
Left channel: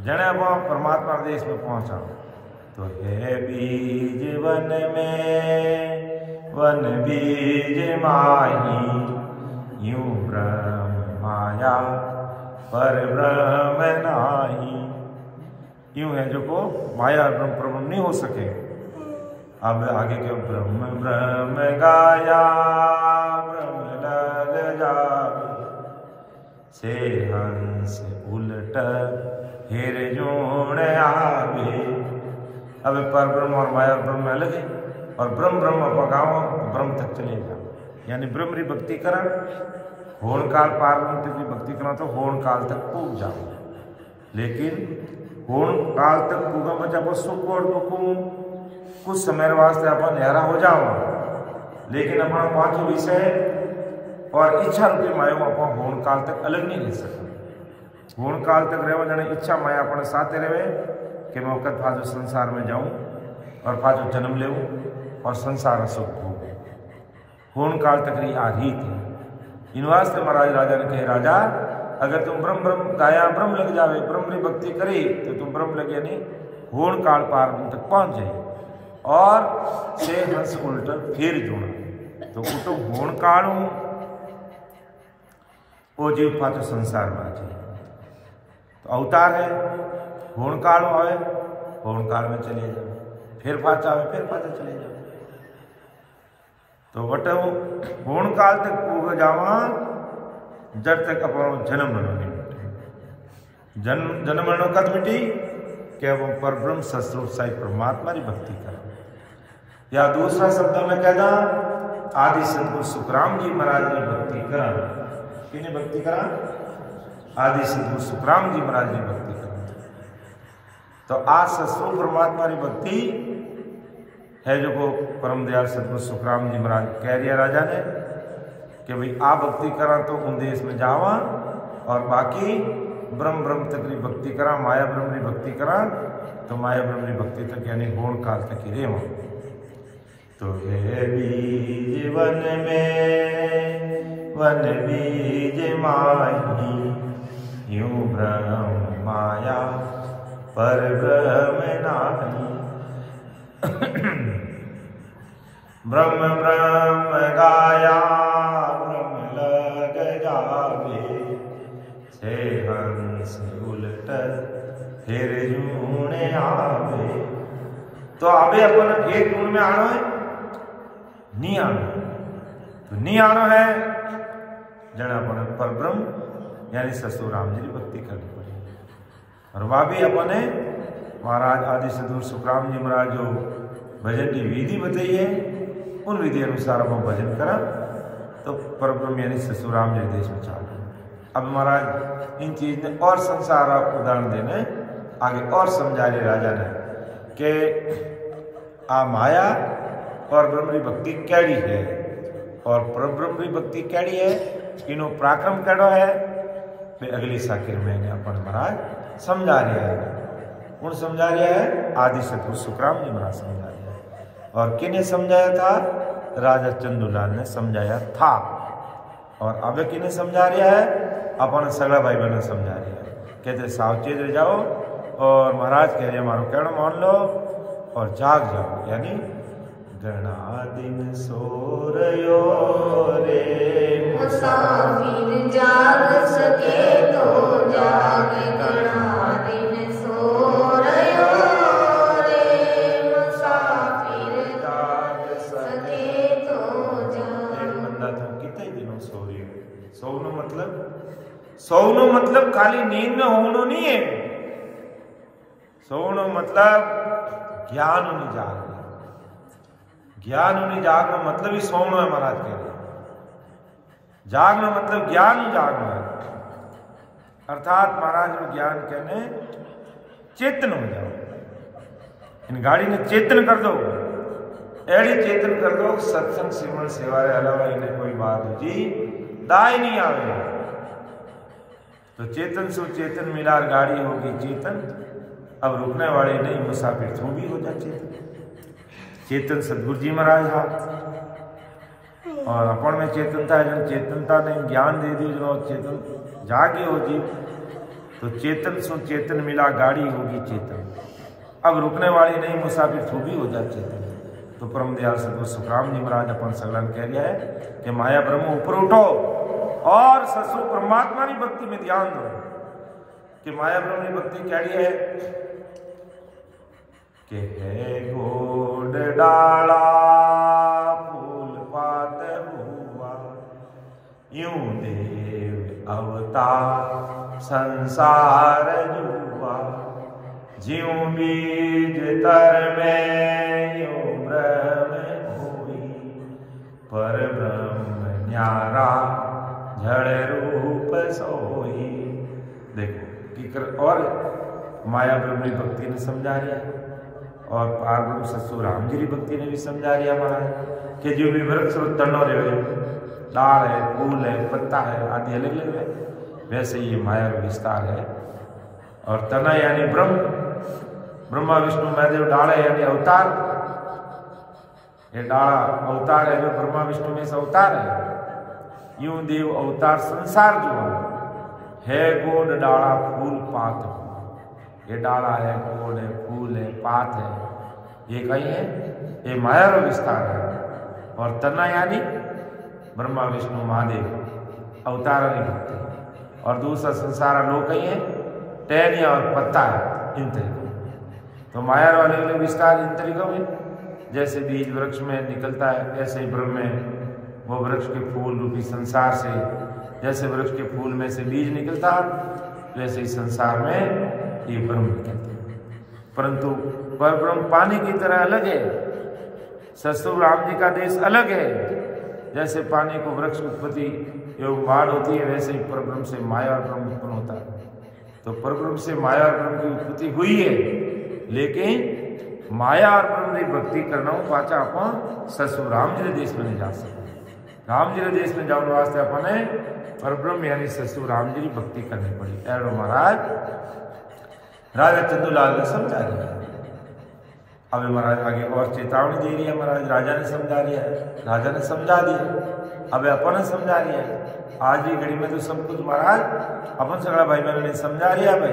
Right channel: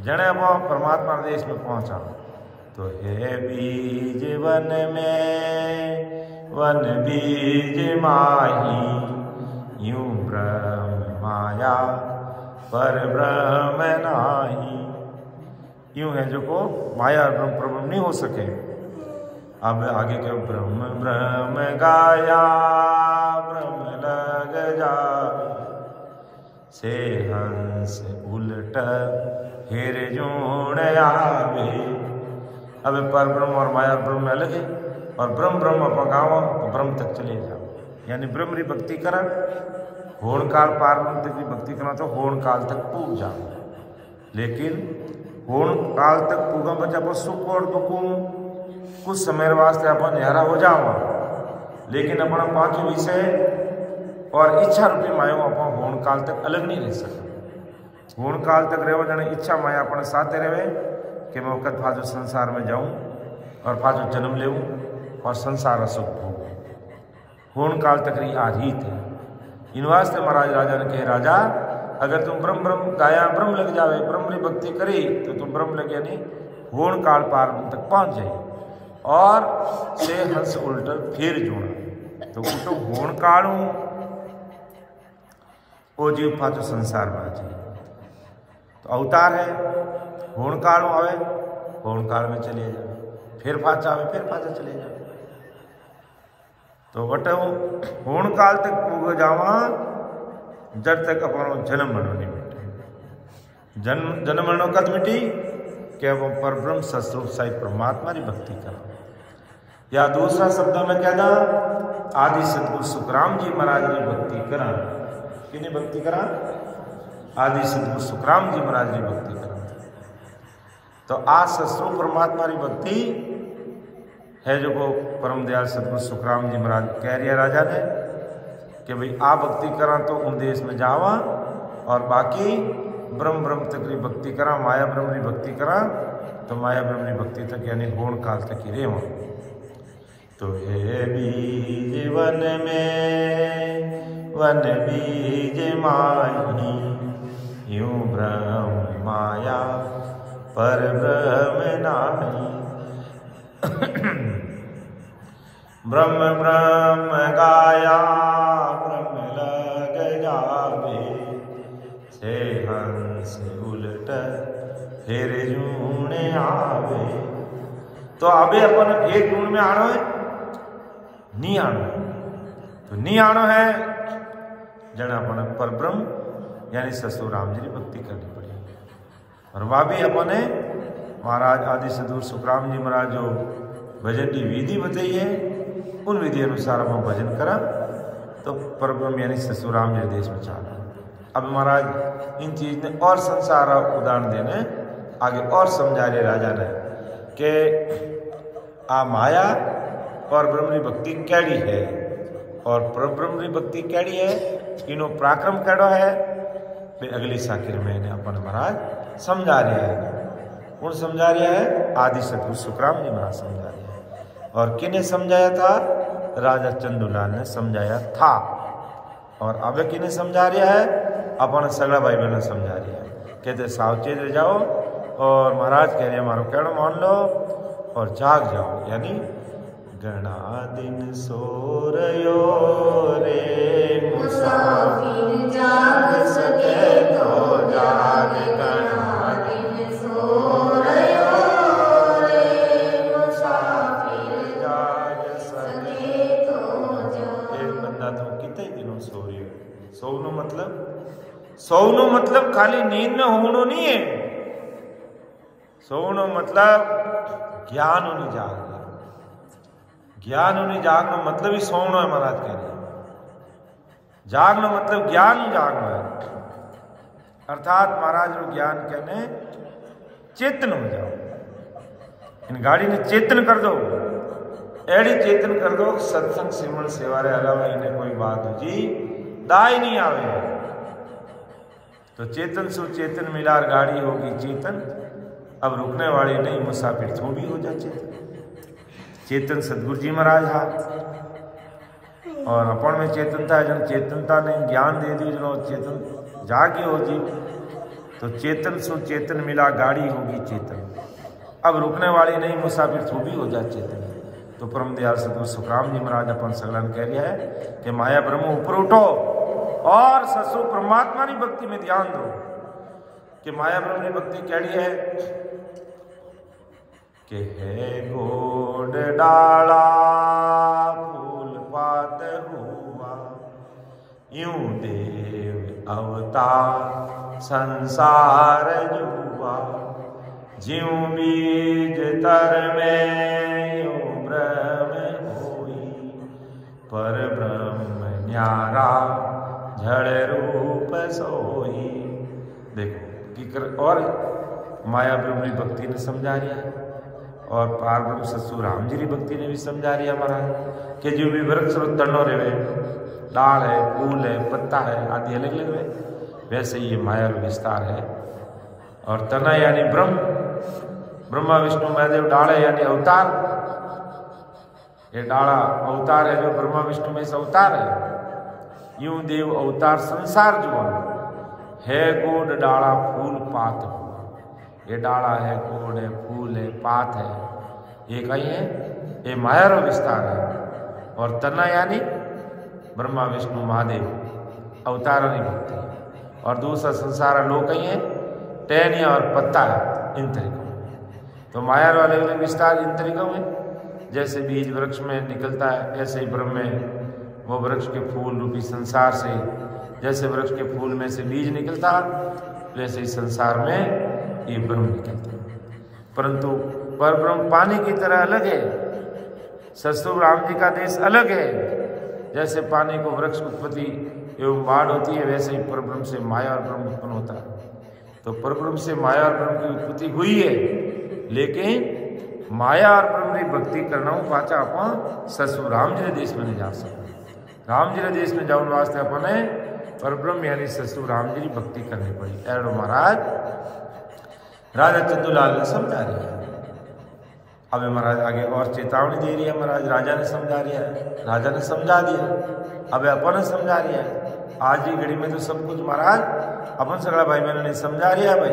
जने अब परमात्मा देश में पहुंचा तो है बीज वन में वन बीज माही यूं ब्रह्म माया पर ब्रह्म नाही। यूं है जो को माया और ब्रह्म प्रब्रह्म नहीं हो सके। अब आगे के ब्रह्म ब्रह्म गाया ब्रह्म लग जावे से हंस उलट फिर जून आवे। अब पर ब्रह्म और माया और ब्रह्म अलग है और ब्रह्म ब्रह्म पकाओ तो ब्रह्म तक चले जाओ, यानी ब्रह्म की भक्ति करा होण काल पार ब्रह्म तक की भक्ति करा तो होण काल तक पूग जाओ। लेकिन होण काल तक पूगा बचा पर सुख और दुख कुछ समय वास्ते अपन न्यारा हो जाओ, लेकिन अपना पांच विषय और इच्छा रूपी माया अपन होण काल तक अलग नहीं रह सका। होण काल तक रहो जाने इच्छा माया अपने साथ रहे कि मैं वक्त फाजो संसार में जाऊं और फाजो जन्म लेऊं और संसार सुख भोगूं। होण काल तक रही आधी थी। इन वास्ते महाराज राजा ने कहे राजा अगर तुम ब्रह्म ब्रह्म गाया ब्रह्म लग जावे ब्रह्म की भक्ति करी तो तुम ब्रह्म लगे नहीं होण काल पार तक पहुंच जाए और से हंस उल्टा फिर जोड़ा तो उठो होण काल वो जीव पाचो संसार में आ जाए। तो अवतार है होण काल आवे होण काल में चले जाओ, फिर पाछा आवे फिर पाछा चले जाओ। तो वटे होण काल तक पूग जावा जब तक अपनो जन्म मरणो नहीं मिटे। जन्म मरणो कद मिटी कि अब हम परब्रह्म सतस्वरूप साई परमात्मा की भक्ति करा। या दूसरा शब्द में कहना आदि सतगुरु सुखराम जी महाराज की भक्ति करा। किन्हें भक्ति करा? आदि सतगुरु सुखराम जी महाराज की भक्ति करा। तो आज सतस्वरूप परमात्मा की भक्ति है जो को परम दयाल सतगुरु सुखराम जी महाराज कह रहे राजा ने कि भाई आप भक्ति करा तो उन देश में जावा और बाकी ब्रह्म तक की भक्ति करा, माया ब्रह्म की भक्ति करा तो माया ब्रह्म की भक्ति तक यानी होण काल तक ही रेवा। तो हे बीज वन में वन बीज माही यूं ब्रह्म माया पर ब्रह्म नाही। ब्रह्म ब्रह्म गाया ब्रह्म लग जावे छे हंस उलट फिर जूने आवे। तो अबे अपन एक गुण में आनो है नहीं आनो, तो नहीं आनो है जन अपन पर ब्रह्म यानी सतगुरु राम जी की भक्ति करनी पड़ेगी। और वह भी अपने महाराज आदि सतगुरु सुखराम जी महाराज जो भजन की विधि बताई है उन विधि अनुसार हम भजन करा तो परब्रह्म यानी सतगुरु राम जी देश में चालू। अब महाराज इन चीज ने और संसार उदाहरण देने आगे और समझा रहे राजा ने कि आ माया और ब्रह्म की भक्ति कैडी है और परब्रह्म की भक्ति कैडी है, इनो पराक्रम कैडो है वे अगली साकिर में इन्हें अपन महाराज समझा रहा है। कौन समझा रहा है? आदि सतगुरु सुखराम जी महाराज समझा रहा है। और किने समझाया था? राजा चंदूलाल ने समझाया था। और अब किने समझा रहा है? अपन सगड़ा भाई बहनों समझा रहा है। कहते सावचेत रह जाओ और महाराज कह रहे हमारो कहना मान लो और जाग जाओ। यानी गणा दिन सो रयो रे मुसाफिर जाग सके तो जाग, गणा दिन सो रयो रे मुसाफिर जाग सके तो जाग। एक बंदा तो कितने दिनों सो रही है। सोनो मतलब खाली नींद में होनो नहीं है। सोनो मतलब ज्ञान होनी जाग, ज्ञान होनी जागना मतलब ही सोना है। महाराज कह रहे जागना मतलब ज्ञान जागना है। अर्थात महाराज नो ज्ञान कहने चेतन हो जाओ। इन गाड़ी ने चेतन कर दो, एड़ी चेतन कर दो सत्संग सिमरन सेवा रे अलावा इन्हें कोई बात हो जी दाई नहीं आवे। तो चेतन सु चेतन मिलार गाड़ी होगी चेतन, अब रुकने वाली नहीं मुसाफिर तू भी हो जा चेतन। चेतन सतगुरु जी महाराज हा और अपन में चेतनता है। जन चेतनता ने ज्ञान दे दियो जो चेतन जागे हो जीव, तो चेतन सु चेतन मिला गाड़ी होगी चेतन, अब रुकने वाली नहीं मुसाफिर तू भी हो जा चेतन। तो परम दयाल सतगुरु सुखराम जी महाराज अपन सगलन कह रहा है कि माया ब्रह्म ऊपर उठो और ससु परमात्मा की भक्ति में ध्यान दो। कि माया ब्रह्म की भक्ति क्या है कि है गोड डाला फूल पात हुआ यूं देव अवतार संसार जुआ, ज्यों बीज तर में यूं ब्रह्म होई पर ब्रह्म न्यारा झड़ रूप सोई। देखो कि और माया ब्रह्म की भक्ति ने समझा दिया है और पार ब्रह्म सतगुरु राम जी की भक्ति ने भी समझा दिया महाराज कि जो भी वृक्ष तनो रहे, डाल है, फूल है, पत्ता है आदि अलग अलग है, वैसे ये माया विस्तार है। और तना यानी ब्रह्म, ब्रह्मा विष्णु महादेव डाल है यानी अवतार। ये डाला अवतार है जो ब्रह्मा विष्णु में से अवतार है। यूं देव अवतार संसार जुआ है गोड डाला फूल पात हुआ। ये डाला है, गोड है, फूल है, पात है, ये कहीं है, ये माया रो विस्तार है। और तना यानी ब्रह्मा विष्णु महादेव अवतारों की भक्ति। और दूसरा संसार लोग कहीं है, टहनिया और पत्ता है। इन तरीकों। तो माया वाले अलग विस्तार इन तरीकों में, जैसे बीज वृक्ष में निकलता है ऐसे ही ब्रह्म में वो वृक्ष के फूल रूपी संसार से, जैसे वृक्ष के फूल में से बीज निकलता वैसे ही संसार में ये ब्रह्म निकलता। परंतु पर ब्रह्म पानी की तरह अलग है, सतस्वरूप राम जी का देश अलग है। जैसे पानी को वृक्ष उत्पत्ति एवं बाढ़ होती है, वैसे ही परब्रह्म से माया और ब्रह्म उत्पन्न होता है। तो परब्रह्म से माया और ब्रह्म की उत्पत्ति हुई है, लेकिन माया और ब्रह्म की भक्ति करना पाचा अपन सतस्वरूप राम जी के देश में नहीं जा सकते। राम जी के देश में जाने वास्ते अपन ने परब्रह्म यानी सतस्वरूप राम जी की भक्ति करनी पड़ी। एवं महाराज राजा चंदूलाल ने समझा दिया। अब महाराज आगे और चेतावनी दे रही है। महाराज राजा ने समझा दिया है, राजा ने समझा दिया, अब अपन ने समझा दिया है। आज की घड़ी में तो सब कुछ महाराज अपन सगड़ा भाई मैंने नहीं समझा दिया भाई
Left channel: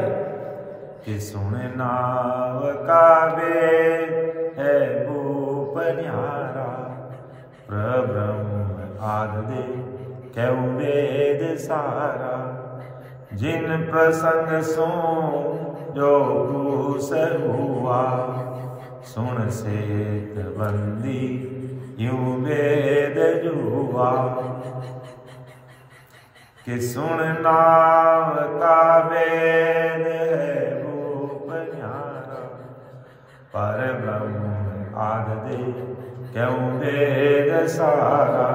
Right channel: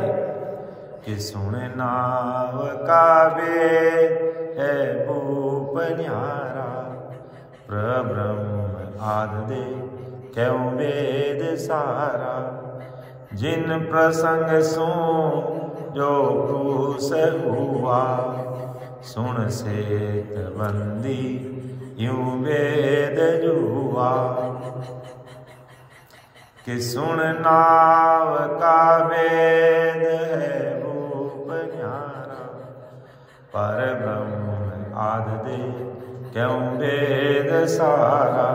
कि सुन नाव का वेद है भूप न्यारा, प्रब्रह्म आद दे क्यों वेद सारा, जिन प्रसंग सुन जो क्रूस हुआ, सुन सेत बंदी यूं वेद जुआ, कि सुन नाव का वेद है भूप न्यारा, पर ब्रह्म आद दे क्यों वेद सारा,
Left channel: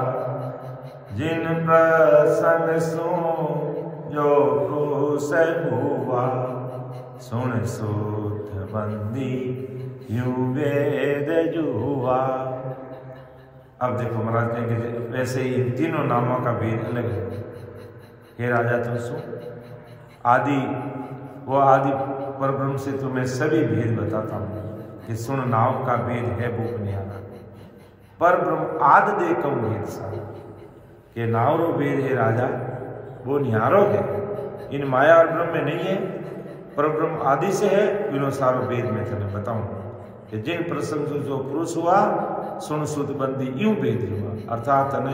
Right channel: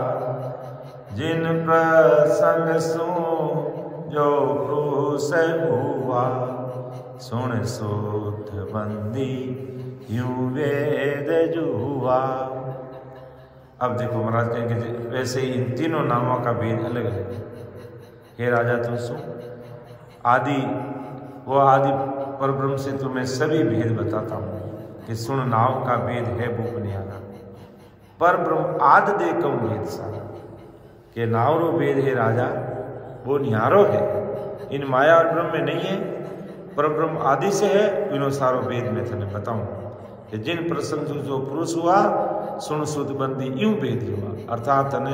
जिन प्रसंग सुन जो क्रूस हुआ, सुन सूत बंदी यूं वेद जुआ। अब देखो महाराज कहेंगे वैसे ही इन तीनों नामों का भेद अलग अलग है। हे राजा तुम सुन, आदि वो आदि परब्रह्म से तुम्हें सभी भेद बताता हूँ कि सुन नाम का भेद है भूप न्यारा, पर ब्रह्म आद दे कऊं भेद सारा, के नावरो भेद है राजा वो न्यारो है, इन माया और ब्रह्म में नहीं है, पर ब्रह्म आदि से है। इनो सारो भेद में तने बताऊं कि जिन प्रसंग जो पुरुष हुआ सुन सुध बंदी यूं भेद हुआ, अर्थात तने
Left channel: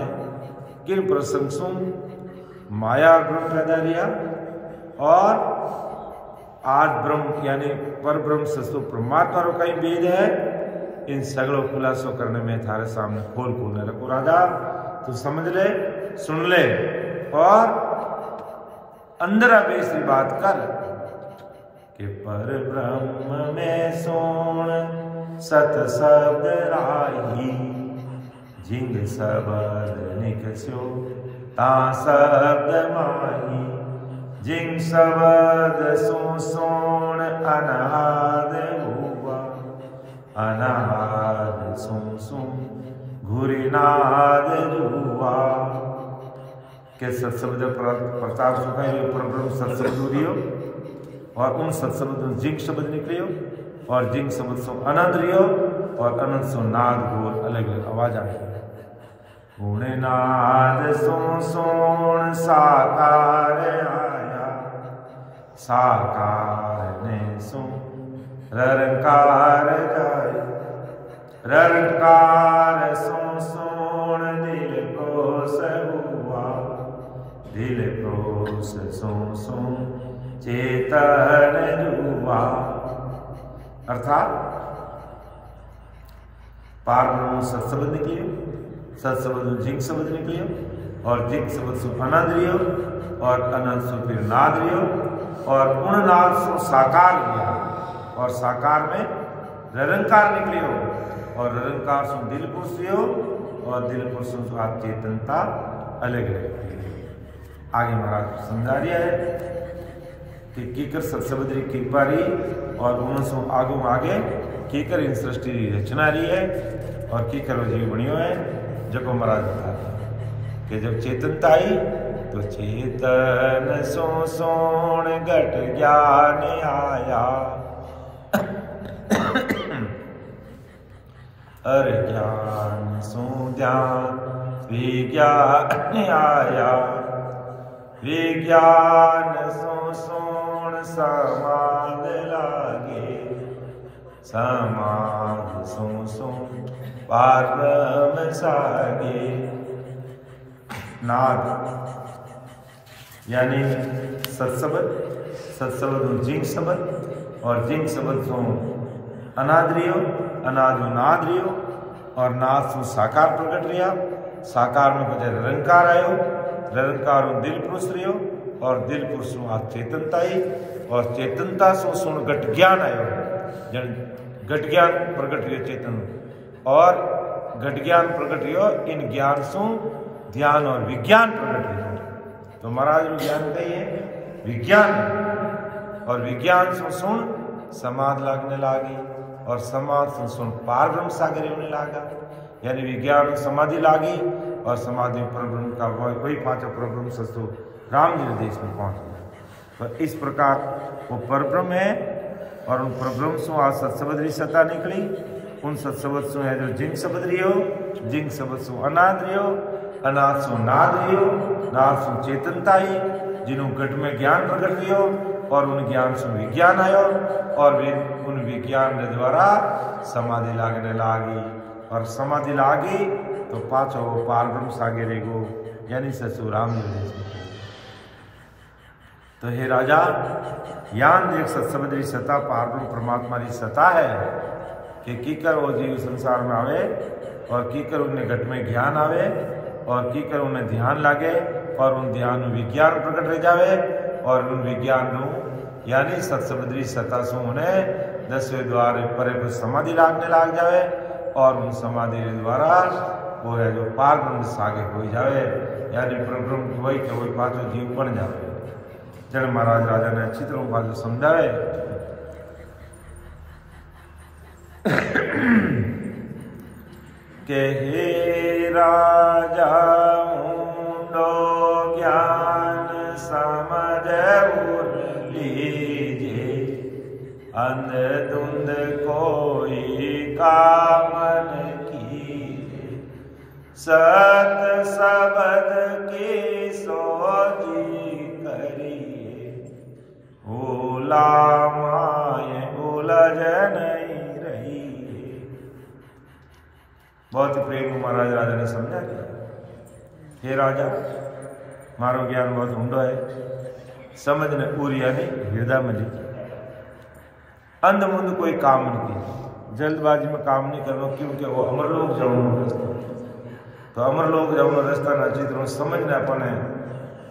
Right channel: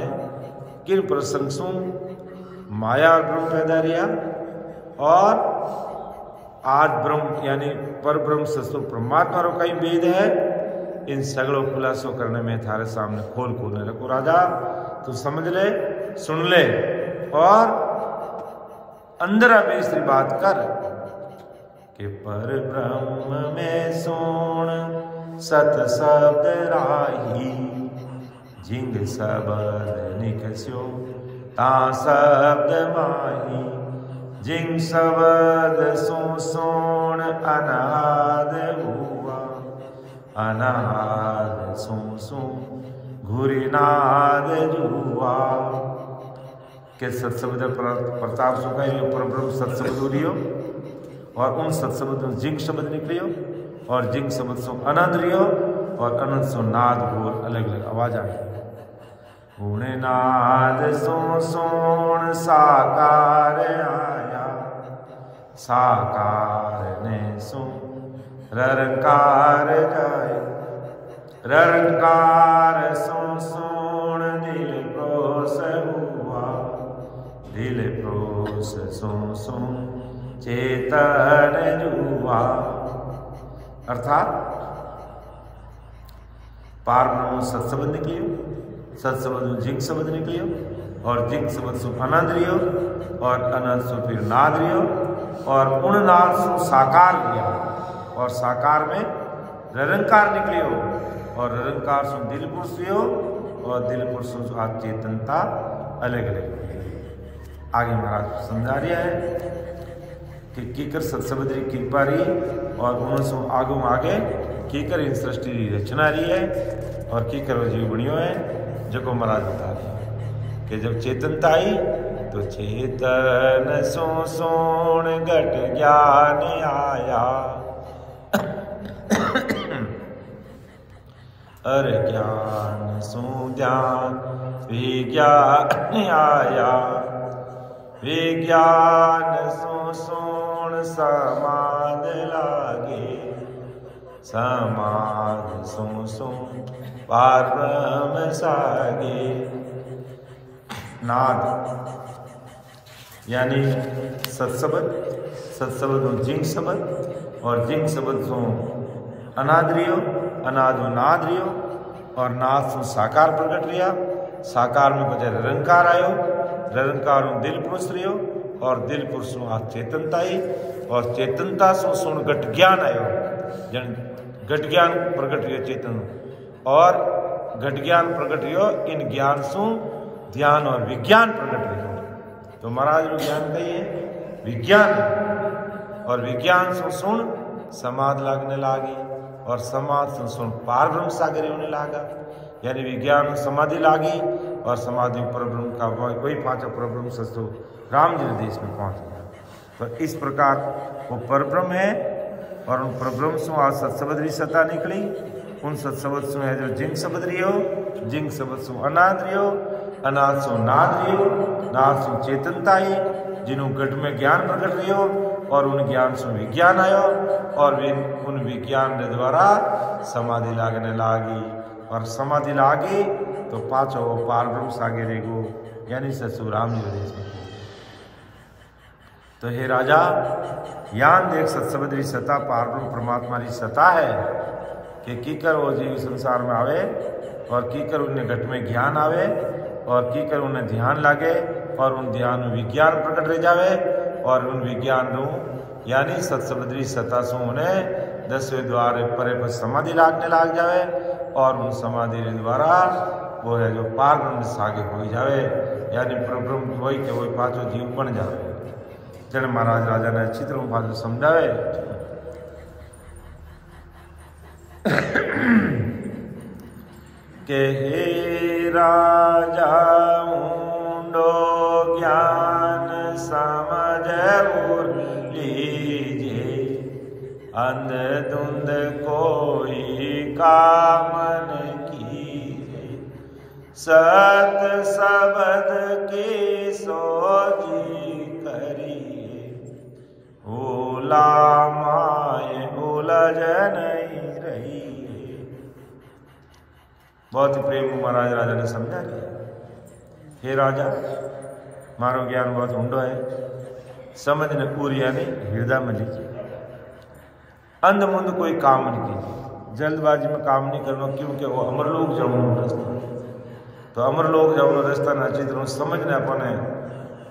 किन प्रसंग सुन माया और ब्रह्म पैदा रिया और आज ब्रह्म यानी पर ब्रह्म सस्व परमात्मा रो कई भेद है, इन सगड़ों खुलासो करने में थारे सामने खोल खोलने रखो। राजा तू समझ ले, सुन ले और अंदर आवेश की बात कर कि पर ब्रह्म में सोण सत शब्द राही, जिंग शब्द निकस्यो ता शब्द माही, जिंग शब्द सोण अनाद हुआ, अनाद सो घुरीनाद जुआ। के सत्शब्द प्रताप सुखा पर ब्रह्म सत्शब्द रियो और उन सत्शब्द में जिंग शब्द निकलियो और जिंग शब्द सो अनंत रियो और अनंत सो नाद घोर अलग अलग आवाज आई। गुण नाद सो सोण साकार आया, साकार ने सो ररकार जाय, ररकार सो सोण दिल प्रोस हुआ, दिल प्रोस सो चेतन जुआ। अर्थात पार ब्रह्म सत्शब्द निकलियो, सत्शब्द जिंग शब्द निकलियो और जिंग शब्द सु अनंत रियो और अनंत सु फिर नाद रियो और उन नाद सु साकार लिया और साकार में निरंकार निकलियो और निरंकार सु दिल पुरुष रियो और दिल पुरुष सु आज चेतनता अलग अलग। आगे महाराज समझा रहा है कि कीकर सत्शब्द री कृपा रही और उनसो आगू आगे कीकर इन सृष्टि की रचना रही है और कीकर वो जीव बनियो है। जो महाराज बता रहे कि जब चेतनता आई तो चेतन सो सोण घट ज्ञान आया, अरे ज्ञान सो ध्यान विज्ञान आया, विज्ञान सो सोण समाध लागे, समाध सो पार ब्रह्म सागे। नाद यानी सत्शब्द, सत्शब्द जिंग शब्द और जिंग शब्द सो अनाद रियो, अनादो नाद रियो और नाद सो साकार प्रकट रिया। साकार में बजे निरंकार आयो, निरंकार दिल पुरुष रियो और दिल पुरुष आ चेतनता आई और चेतनता सो सुन घट ज्ञान आयो। जन घट ज्ञान प्रकट रियो चेतन और घट ज्ञान प्रकट रियो, इन ज्ञान सु ध्यान और विज्ञान प्रकट रियो। तो महाराज रो ज्ञान कही है विज्ञान, और विज्ञान सु सुन समाध लगने लागी और समाध से सुन पार ब्रह्म सागर होने लगा। यानी विज्ञान समाधि लागी और समाधि पर ब्रह्म का वही पांचों पर ब्रह्म सस्तो राम जी देश में पहुंच गया। तो इस प्रकार वो परब्रह्म है और उन परब्रह्म से आज सत्सबदरी सत्ता निकली। उन सत्सबद सु है जो जिंग शब्द रियो, जिंग शब्द सु अनाद रियो, अनाद सु नाद रियो, नाद सु चेतनता आई, जिन्हों घट में ज्ञान प्रकट रियो और उन ज्ञान से विज्ञान आयो और उन विज्ञान के द्वारा समाधि लागने लागी और समाधि लागी तो पाछो वो पार ब्रह्म सागे रेगो, यानी ससुर राम जी देश में। तो हे राजा यान देख सत्सबदरी सत्ता पार ब्रह्म परमात्मा की सत्ता है कि कीकर वो जीव संसार में आवे और कीकर उन्हें घट में ज्ञान आवे और कीकर उन्हें ध्यान लागे और उन ध्यान में विज्ञान प्रकट रह जावे और उन विज्ञान यानी सत्सबदरी सत्ता से उन्हें 10वें द्वार परे पर समाधि लागने लाग जावे और उन समाधि के द्वारा वो है जो पार ब्रह्म सागे हो जावे, यानी परब्रह्म की वही के वही पांचों जीव बन जावे। जन महाराज राजा ने अच्छी तरह पांचों समझावे के हे राजा ऊंडो ज्ञान समझ लीजे, अंध धुंध कोई कामन कीजे, सत सबद की सोजी करिए, उला माए उलझ नहीं रही। बहुत ही प्रेम महाराज राजा ने समझा दिया, हे राजा मारो ज्ञान बहुत ऊंडो है, समझ ने पूरी यानी हृदय में लीजिए, अंध मुंद कोई काम नहीं कीजिए, जल्दबाजी में काम नहीं करना, क्योंकि वो अमरलोक जाऊनो रास्ता। तो अमरलोक जाऊनो रास्ता ना अच्छी तरह समझने अपने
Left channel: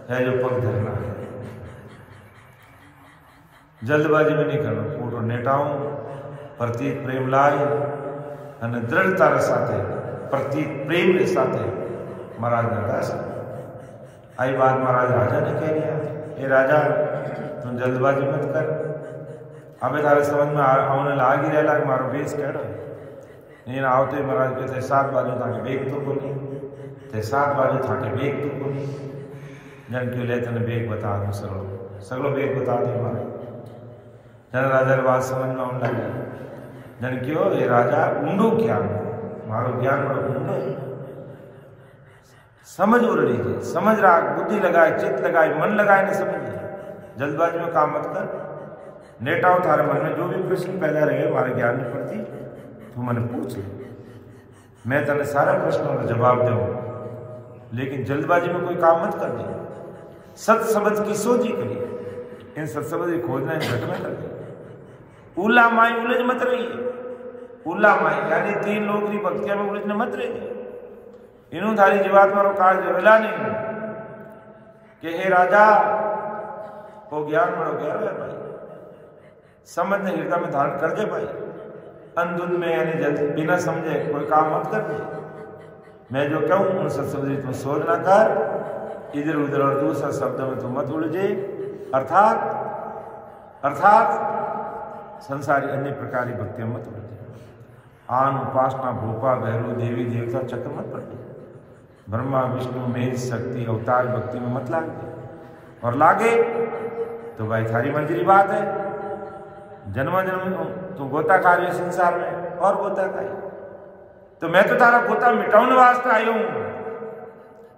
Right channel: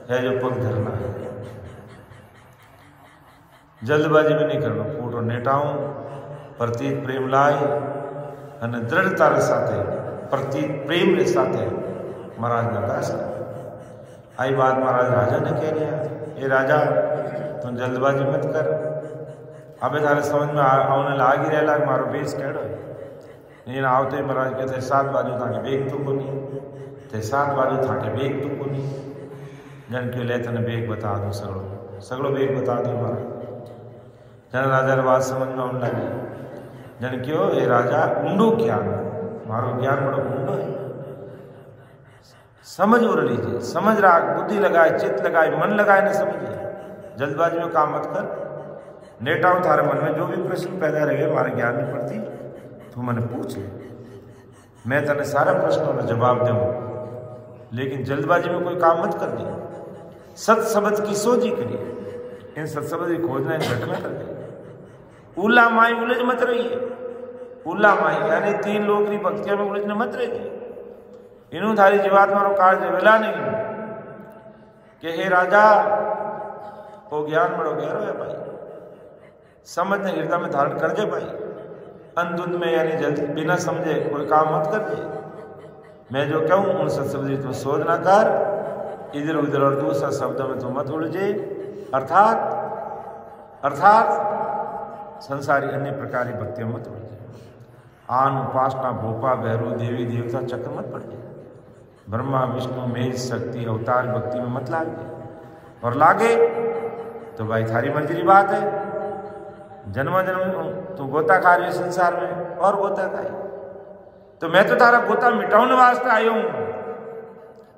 है जो पग धरना है, जल्दबाजी में नहीं करना, पूरो नेटाऊं प्रतीत प्रेम लाई અને દ્રઢતા સાથે प्रतीत प्रेम के साथ महाराज ने कहा। आई बात महाराज राजा ने कह रही है, ये राजा तुम जल्दबाजी मत कर, अबे तारे समझ में आने लाग ही रहा मारो बेस कहो नहीं ना आवते महाराज कहते 7 बाजू ताके बेग तो को नहीं थे, 7 बाजू थाके बेग तो को नहीं, जन क्यों ले तने बेग बता दूं, सगड़ो बेग बता दी महाराज। जन राजा बात समझ में आने लगी, जन क्यों ये राजा ऊंडो ज्ञान मारो ज्ञान बड़ो ऊंडो है, समझ उड़ लीजिए, समझ रहा बुद्धि लगाए चित्त लगाए मन लगाए नहीं समझिए, जल्दबाजी में काम मत कर, नेटाओ थारे मन में जो भी प्रश्न पैदा रहे हमारे ज्ञान नहीं पड़ती तू मैंने पूछ ले, मैं तेने सारा प्रश्नों का जवाब दूँ, लेकिन जल्दबाजी में कोई काम मत कर दिए, सत शब्द की सोची करिए, इन सत शब्द की खोजना इन घट में कर दिए, उला माई उलझ मत रहिए, उला माई यानी 3 लोग की भक्तियां में उलझने मत रहिए, इन्हों थारी जीवात मारो कार्य वेला नहीं कि हे राजा वो ज्ञान बड़ो गहरो है भाई, समझ ने हृदय में धारण कर दे भाई, अंधुंध में यानी जल्दी बिना समझे कोई काम मत कर दे, मैं जो कहूँ उन सत्संग तुम सोच ना कर, इधर उधर और दूसरा शब्दों में तुम मत उलझे, अर्थात संसारी अन्य प्रकार की भक्तियां मत उलझे, आन उपासना भोपा भैरू देवी देवता चक्र मत पड़े, ब्रह्मा विष्णु मेष शक्ति अवतार भक्ति में मत लागे, और लागे तो भाई थारी मंजिली बात है, जन्म जन्म तू गोता खा रही है संसार में और गोता खाई, तो मैं तो तारा गोता मिटाने वास्ते आयो हूं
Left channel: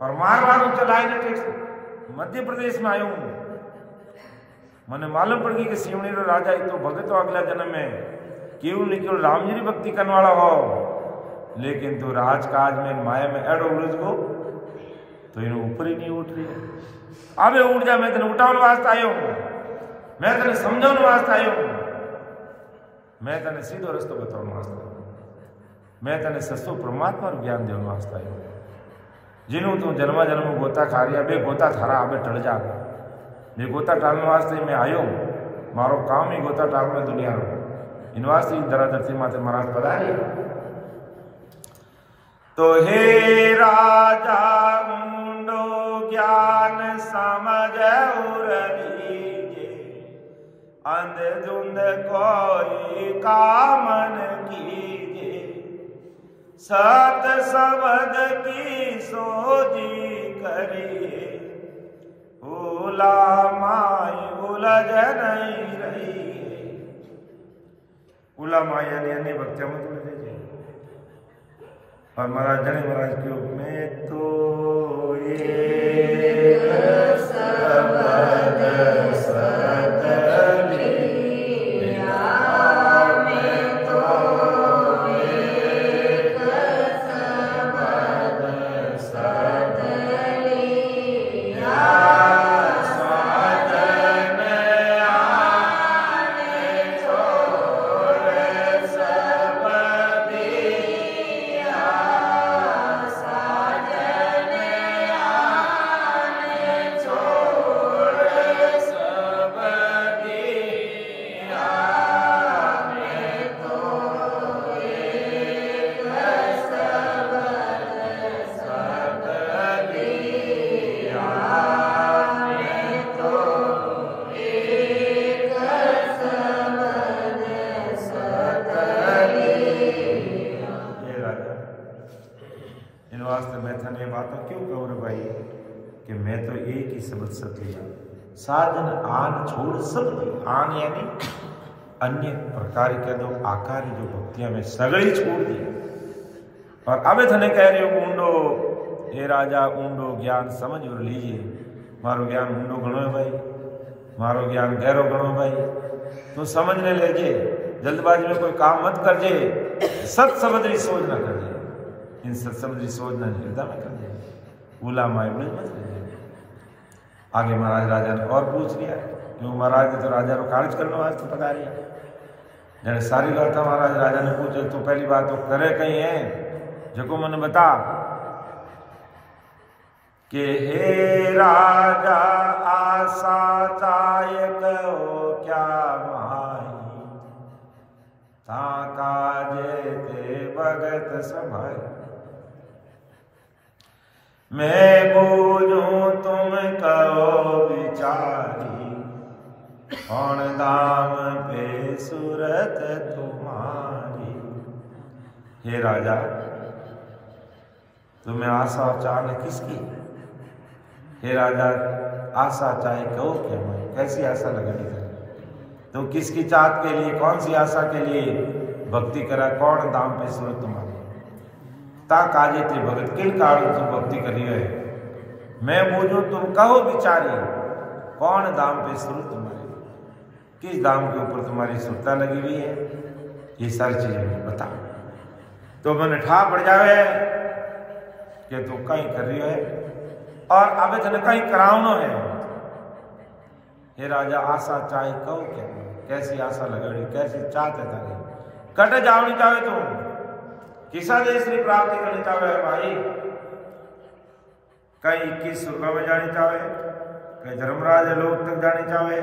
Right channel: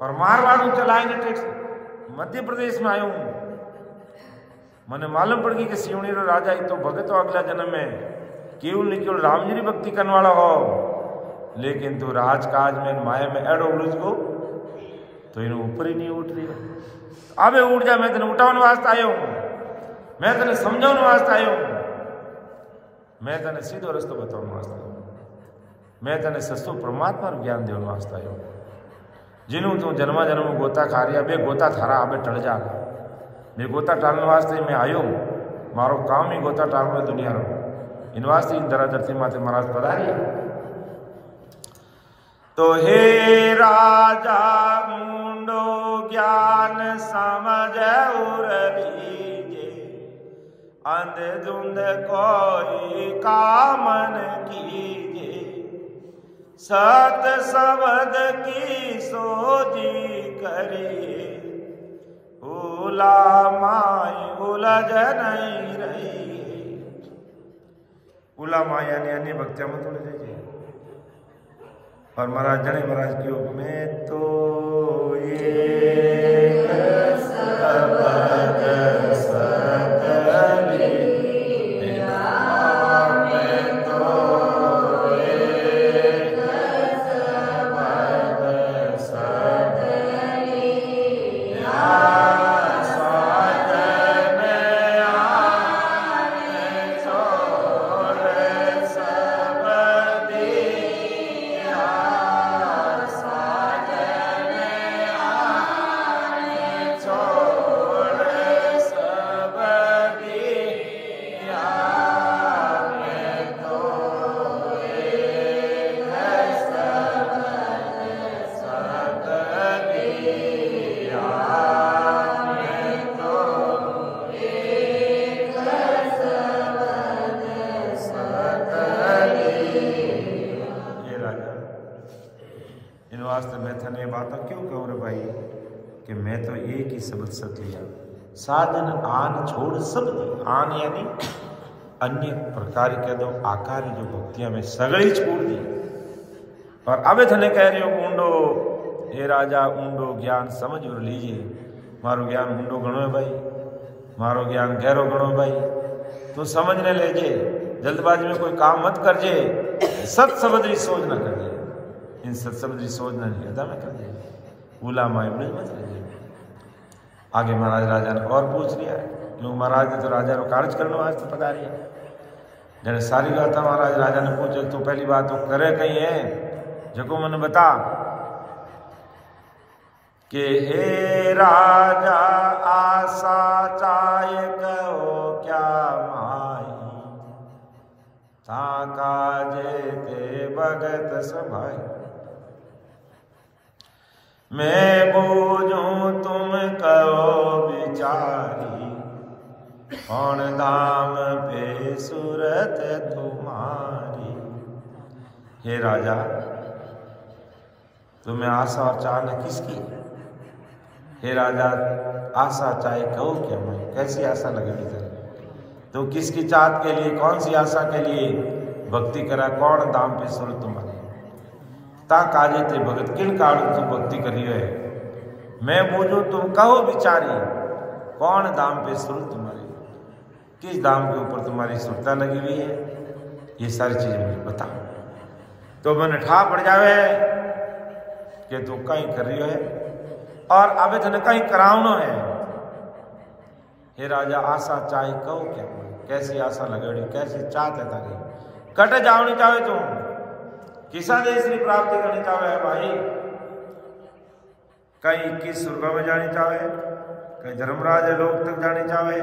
और मारवाड़ चलाएंगे टैक्स मध्य प्रदेश में आयो हूं, मैंने मालूम पड़ गई कि सिवनी रो राजा तो भगत हो अगला जन्म में केवल नहीं केवल राम जी की भक्ति करने वाला हो, लेकिन तू राजकाज में माया में एडो उलझ गो तो इन्हें ऊपर ही नहीं उठ रही है, अबे उठ जा, मैं तेने उठाने वास्ते आयो हूं, मैं तेने समझाने वास्ते आयो हूं, मैं तने सीधो रस्तो बताने वास्ते आयो, मैं तने सस्तु परमात्मा ज्ञान देने वास्ते आयो। जिन्हों तू जन्मा जन्म गोता खा रहा, बे गोता थारा आबे टल जा। बे गोता टालने वास्ते मैं आयो, मारो काम ही गोता टालने दुनिया रो। इन वास्ते धरा धरती माथे महाराज पधारिया। तो हे राजा ऊंडो ज्ञान समझ उर लीजे, अंध धुंध कोई कामन कीजे, सत शब्द की सोजी करिए, उला माई उलझ नहीं रही। उला माया ने अन्य भक्तिया मत उलझ जाइए। और महाराज जने महाराज क्यों मैं तो ये शब्द सतली, मैं तो एक शब्द सतली, मैं थने बात क्यों कहूँ रे भाई कि मैं तो एक ही शब्द सत लिया, साजन आन छोड़ सब दी। आन यानी अन्य प्रकार के दो आकार जो भक्तियां में सगड़ी छोड़ दी। और अब थने कह रही हो ऊंडो, हे राजा ऊंडो ज्ञान समझ और लीजिए। मारो ज्ञान ऊंडो गणो है भाई, मारो ज्ञान गहरो गणो भाई। तू समझने ले जे, जल्दबाजी में कोई काम मत कर जे, सत समझ सोच ना कर जे। इन सत्समझी सोचना नहीं हृदय में कर दिया, उला माई उलझ मत रहिए। आगे महाराज राजा ने और पूछ लिया, क्यों महाराज ने तो राजा को कार्य करना आज तो पता रिया। जने सारी बात महाराज राजा ने पूछे, तो पहली बात तो करे कहीं है जो मन बता कि हे राजा आशा चाय कहो क्या माई, ता काजे ते भगत सभाई। मैं बूझूं तुम कहो बिचारी, कौन दाम पे सूरत तुम्हारी। हे राजा तुम्हें आशा और चाह न किसकी? हे राजा आशा चाहे कहो क्या, मैं कैसी आशा लगनी करे? तो किसकी चाहत के लिए, कौन सी आशा के लिए भक्ति करा? कौन दाम पे सूरत तुम्हारी, ता काजे ते भगत, किन कारण तुम भक्ति करी है? मैं बूझू तुम कहो बिचारी, कौन दाम पे सूरत तुम्हारी, किस दाम के ऊपर तुम्हारी सुरता लगी हुई है? ये सारी चीजें मुझे बता। तो मैंने ठा पड़ जावे कि तू कहीं कर रही है और अब थने कहीं करावनो है। हे राजा आशा चाहे कहो क्या, कैसी आशा लगेड़ी, कैसी चाहते तारी? कट जावनी चाहे तुम, किसा देश की प्राप्ति करनी चाहे भाई? कहीं 21 स्वर्ग में जानी चाहे, कहीं धर्मराज लोक तक जानी चाहे,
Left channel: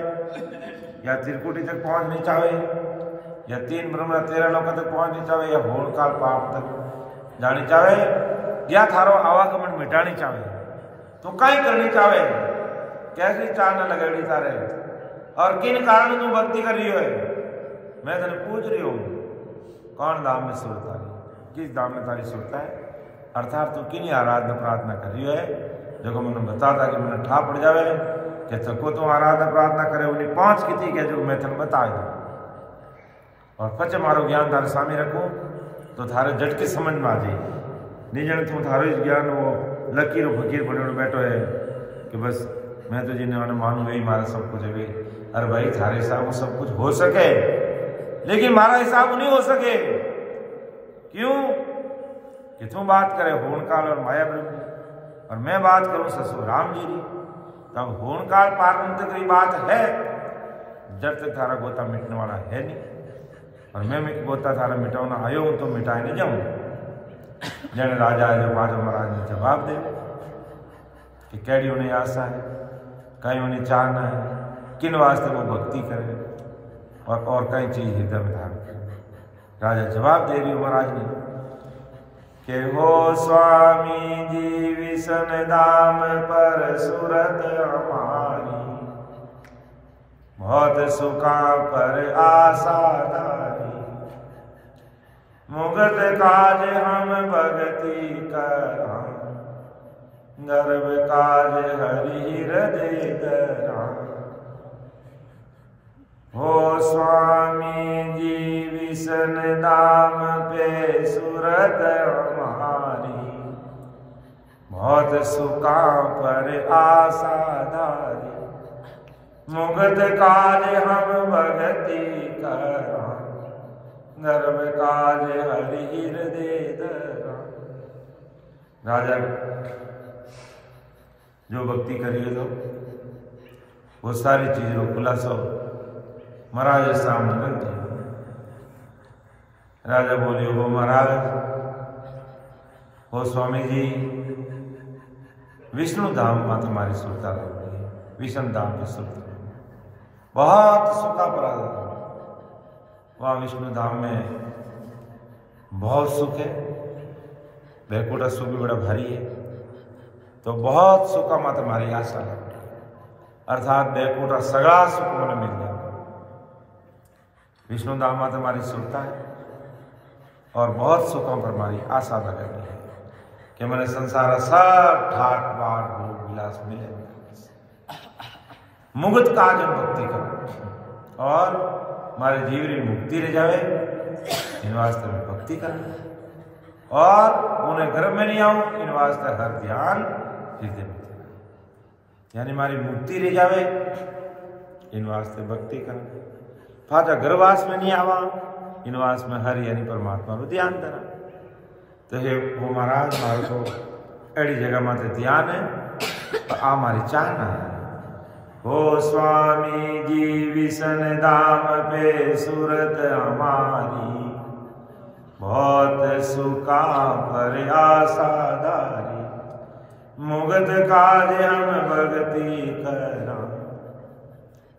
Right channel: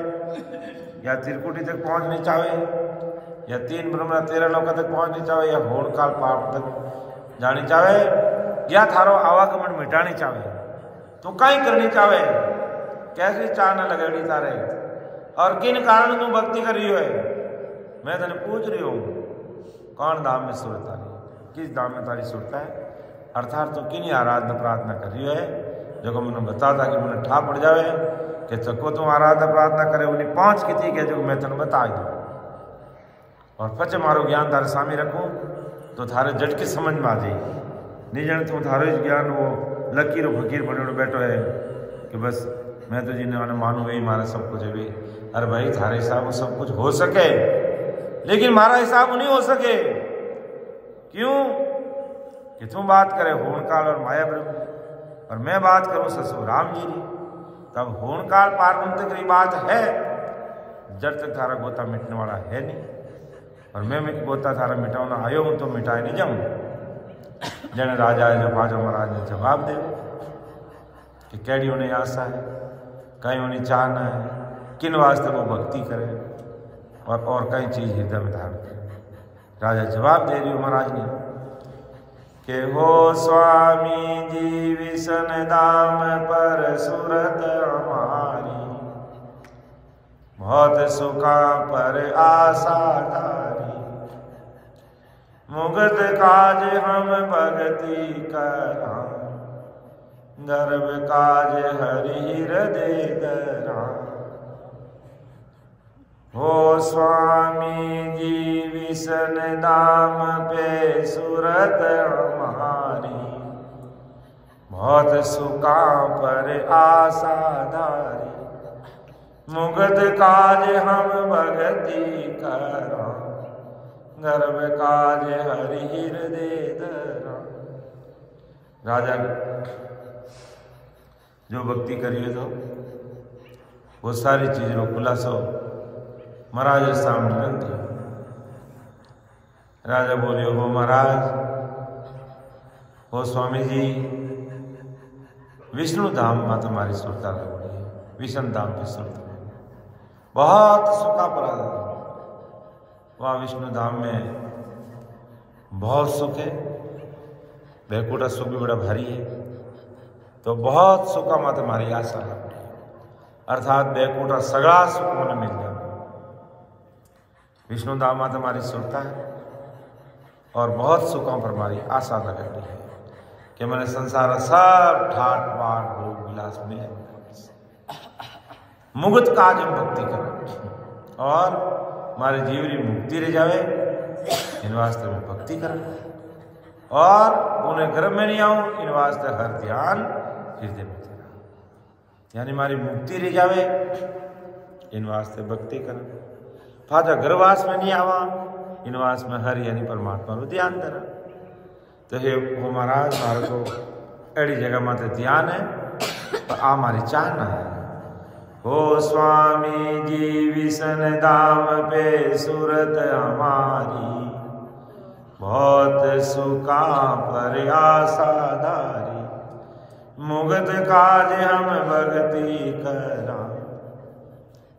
या त्रिकुटी तक पहुंचनी चाहे, या 3 ब्रह्म 13 लोक तक पहुंचनी चाहे, या होड़ काल पाप तक जानी चाहे, या थारो आवागमन मिटानी चाहे, तो कहीं करनी चाहे? कैसी चाह न लगेड़ी तारे? और किन कारण तू भक्ति कर रही है? मैं तेने पूछ रही हूं, कौन दाम में सुरता है, किस दाम में तारी सुरता है? अर्थात तू किन आराधना प्रार्थना कर रही है? जो मैंने बता था कि मैंने ठा पड़ जावे कि चको तू आराधना प्रार्थना करे, उन्हें 5 की थी जो मैं तेने बता दूं। और पचे मारो ज्ञान थारे सामने रखूं तो थारे झटके समझ में आ जाए। निजन तू थारो ज्ञान वो लकीर फकीर बने बैठो है कि बस मैं तो जिन्हें मानू वही मारा सब कुछ है। अरे भाई थारे हिसाब सब कुछ हो सके, लेकिन हमारा हिसाब नहीं हो सके। क्यों कि तुम बात करे होनकाल और माया ब्रह्म, और मैं बात करूं ससुर राम जी की। तब होनकाल पार ब्रह्म तक की बात है, जब तक थारा गोता मिटने वाला है नहीं। और मैं बोता थारा मिटावना आयो हूँ तो मिटाए नहीं जाऊँ। जन राजा है जो बाजो महाराज ने जवाब दे कि कैडी उन्हें आशा है, कहीं उन्हें चाहना है, किन वास्ते वो भक्ति करे और कई चीज हृदय में धारण करे। राजा जवाब दे रही हो महाराज ने कि हो स्वामी जी विष्ण धाम पर सूरत हमारी, बहुत सुखा पर आशाधारी, मुगत काज हम भगति करा, गर्भ काज हरि हृदय धरा। हो स्वामी जी विष्ण धाम पे सूरत हमारी, बहुत सुखा पर आशाधारी, मुगत काज हम भगति करा, गर्भ काज हरि हृदय धरा। राजा जो भक्ति करिए तो वो सारी चीजों खुलासो महाराज सामने रख दिया। राजा बोले हो महाराज, हो स्वामी जी विष्णु धाम में तुम्हारी सुरता लगती है, विष्णु धाम की सुरता बहुत सुखा पराधा। वहाँ विष्णु धाम में बहुत सुख है, बैकुंठ सुख भी बड़ा भारी है, तो बहुत सुखा में तुम्हारी आशा लगती है, अर्थात बैकुंठ सगड़ा सुख मन मिल जाए। विष्णु धाम में तुम्हारी सुरता है और बहुत सुखों पर हमारी आशा लगती है कि मैंने संसार सब ठाट बाट भोग विलास मिले, मुगत काज हम भक्ति करा और हमारे जीवनी मुक्ति रह जावे, इन वास्ते में भक्ति करा और उन्हें घर में नहीं आऊं, इन वास्ते हर ध्यान हृदय में चला, यानी हमारी मुक्ति रह जावे, इन वास्ते भक्ति करा। फाजा गर्भवास में नहीं आवा, इन वास में हर यानी परमात्मा रो ध्यान धरा। तो हे हो महाराज, मारो तो अड़ी जगह माते ध्यान है और आ मारी चाहना है। हो स्वामी जी विष्ण धाम पे सूरत हमारी, बहुत सुखा पर आशाधारी, मुगत काज हम भगति करा,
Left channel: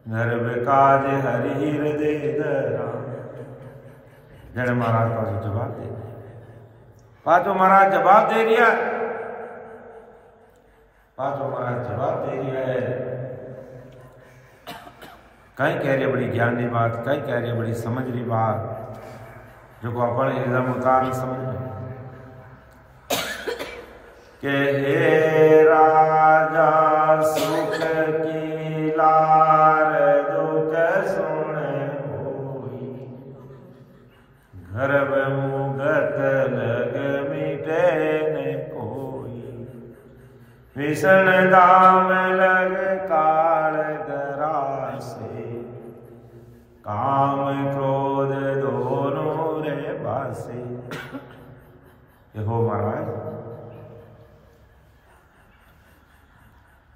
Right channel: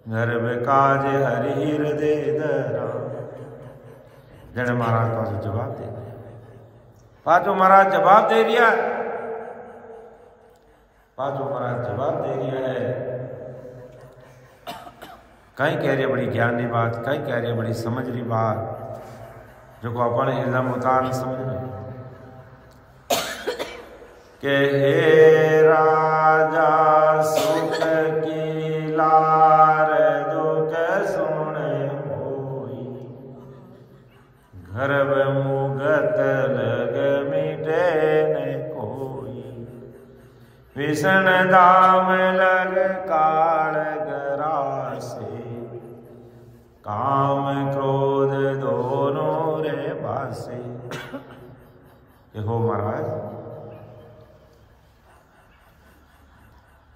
गर्भ काज हरि हृदय धरा। जन महाराज पास जवाब दे दिया, पाचो महाराज जवाब दे दिया, पाचो महाराज जवाब दे दिया है। कहीं कह रही बड़ी ज्ञान की बात, कहीं कह रही बड़ी समझ रही बात, जो को अपन हृदय में उतार समझ रहे के हे राजा सुख की लार दुख सुन होई, गर्भ मुगत लग मिटे न कोई, विष्ण धाम लग काल गरासे, काम क्रोध दोनों रे बासे। ये हो महाराज,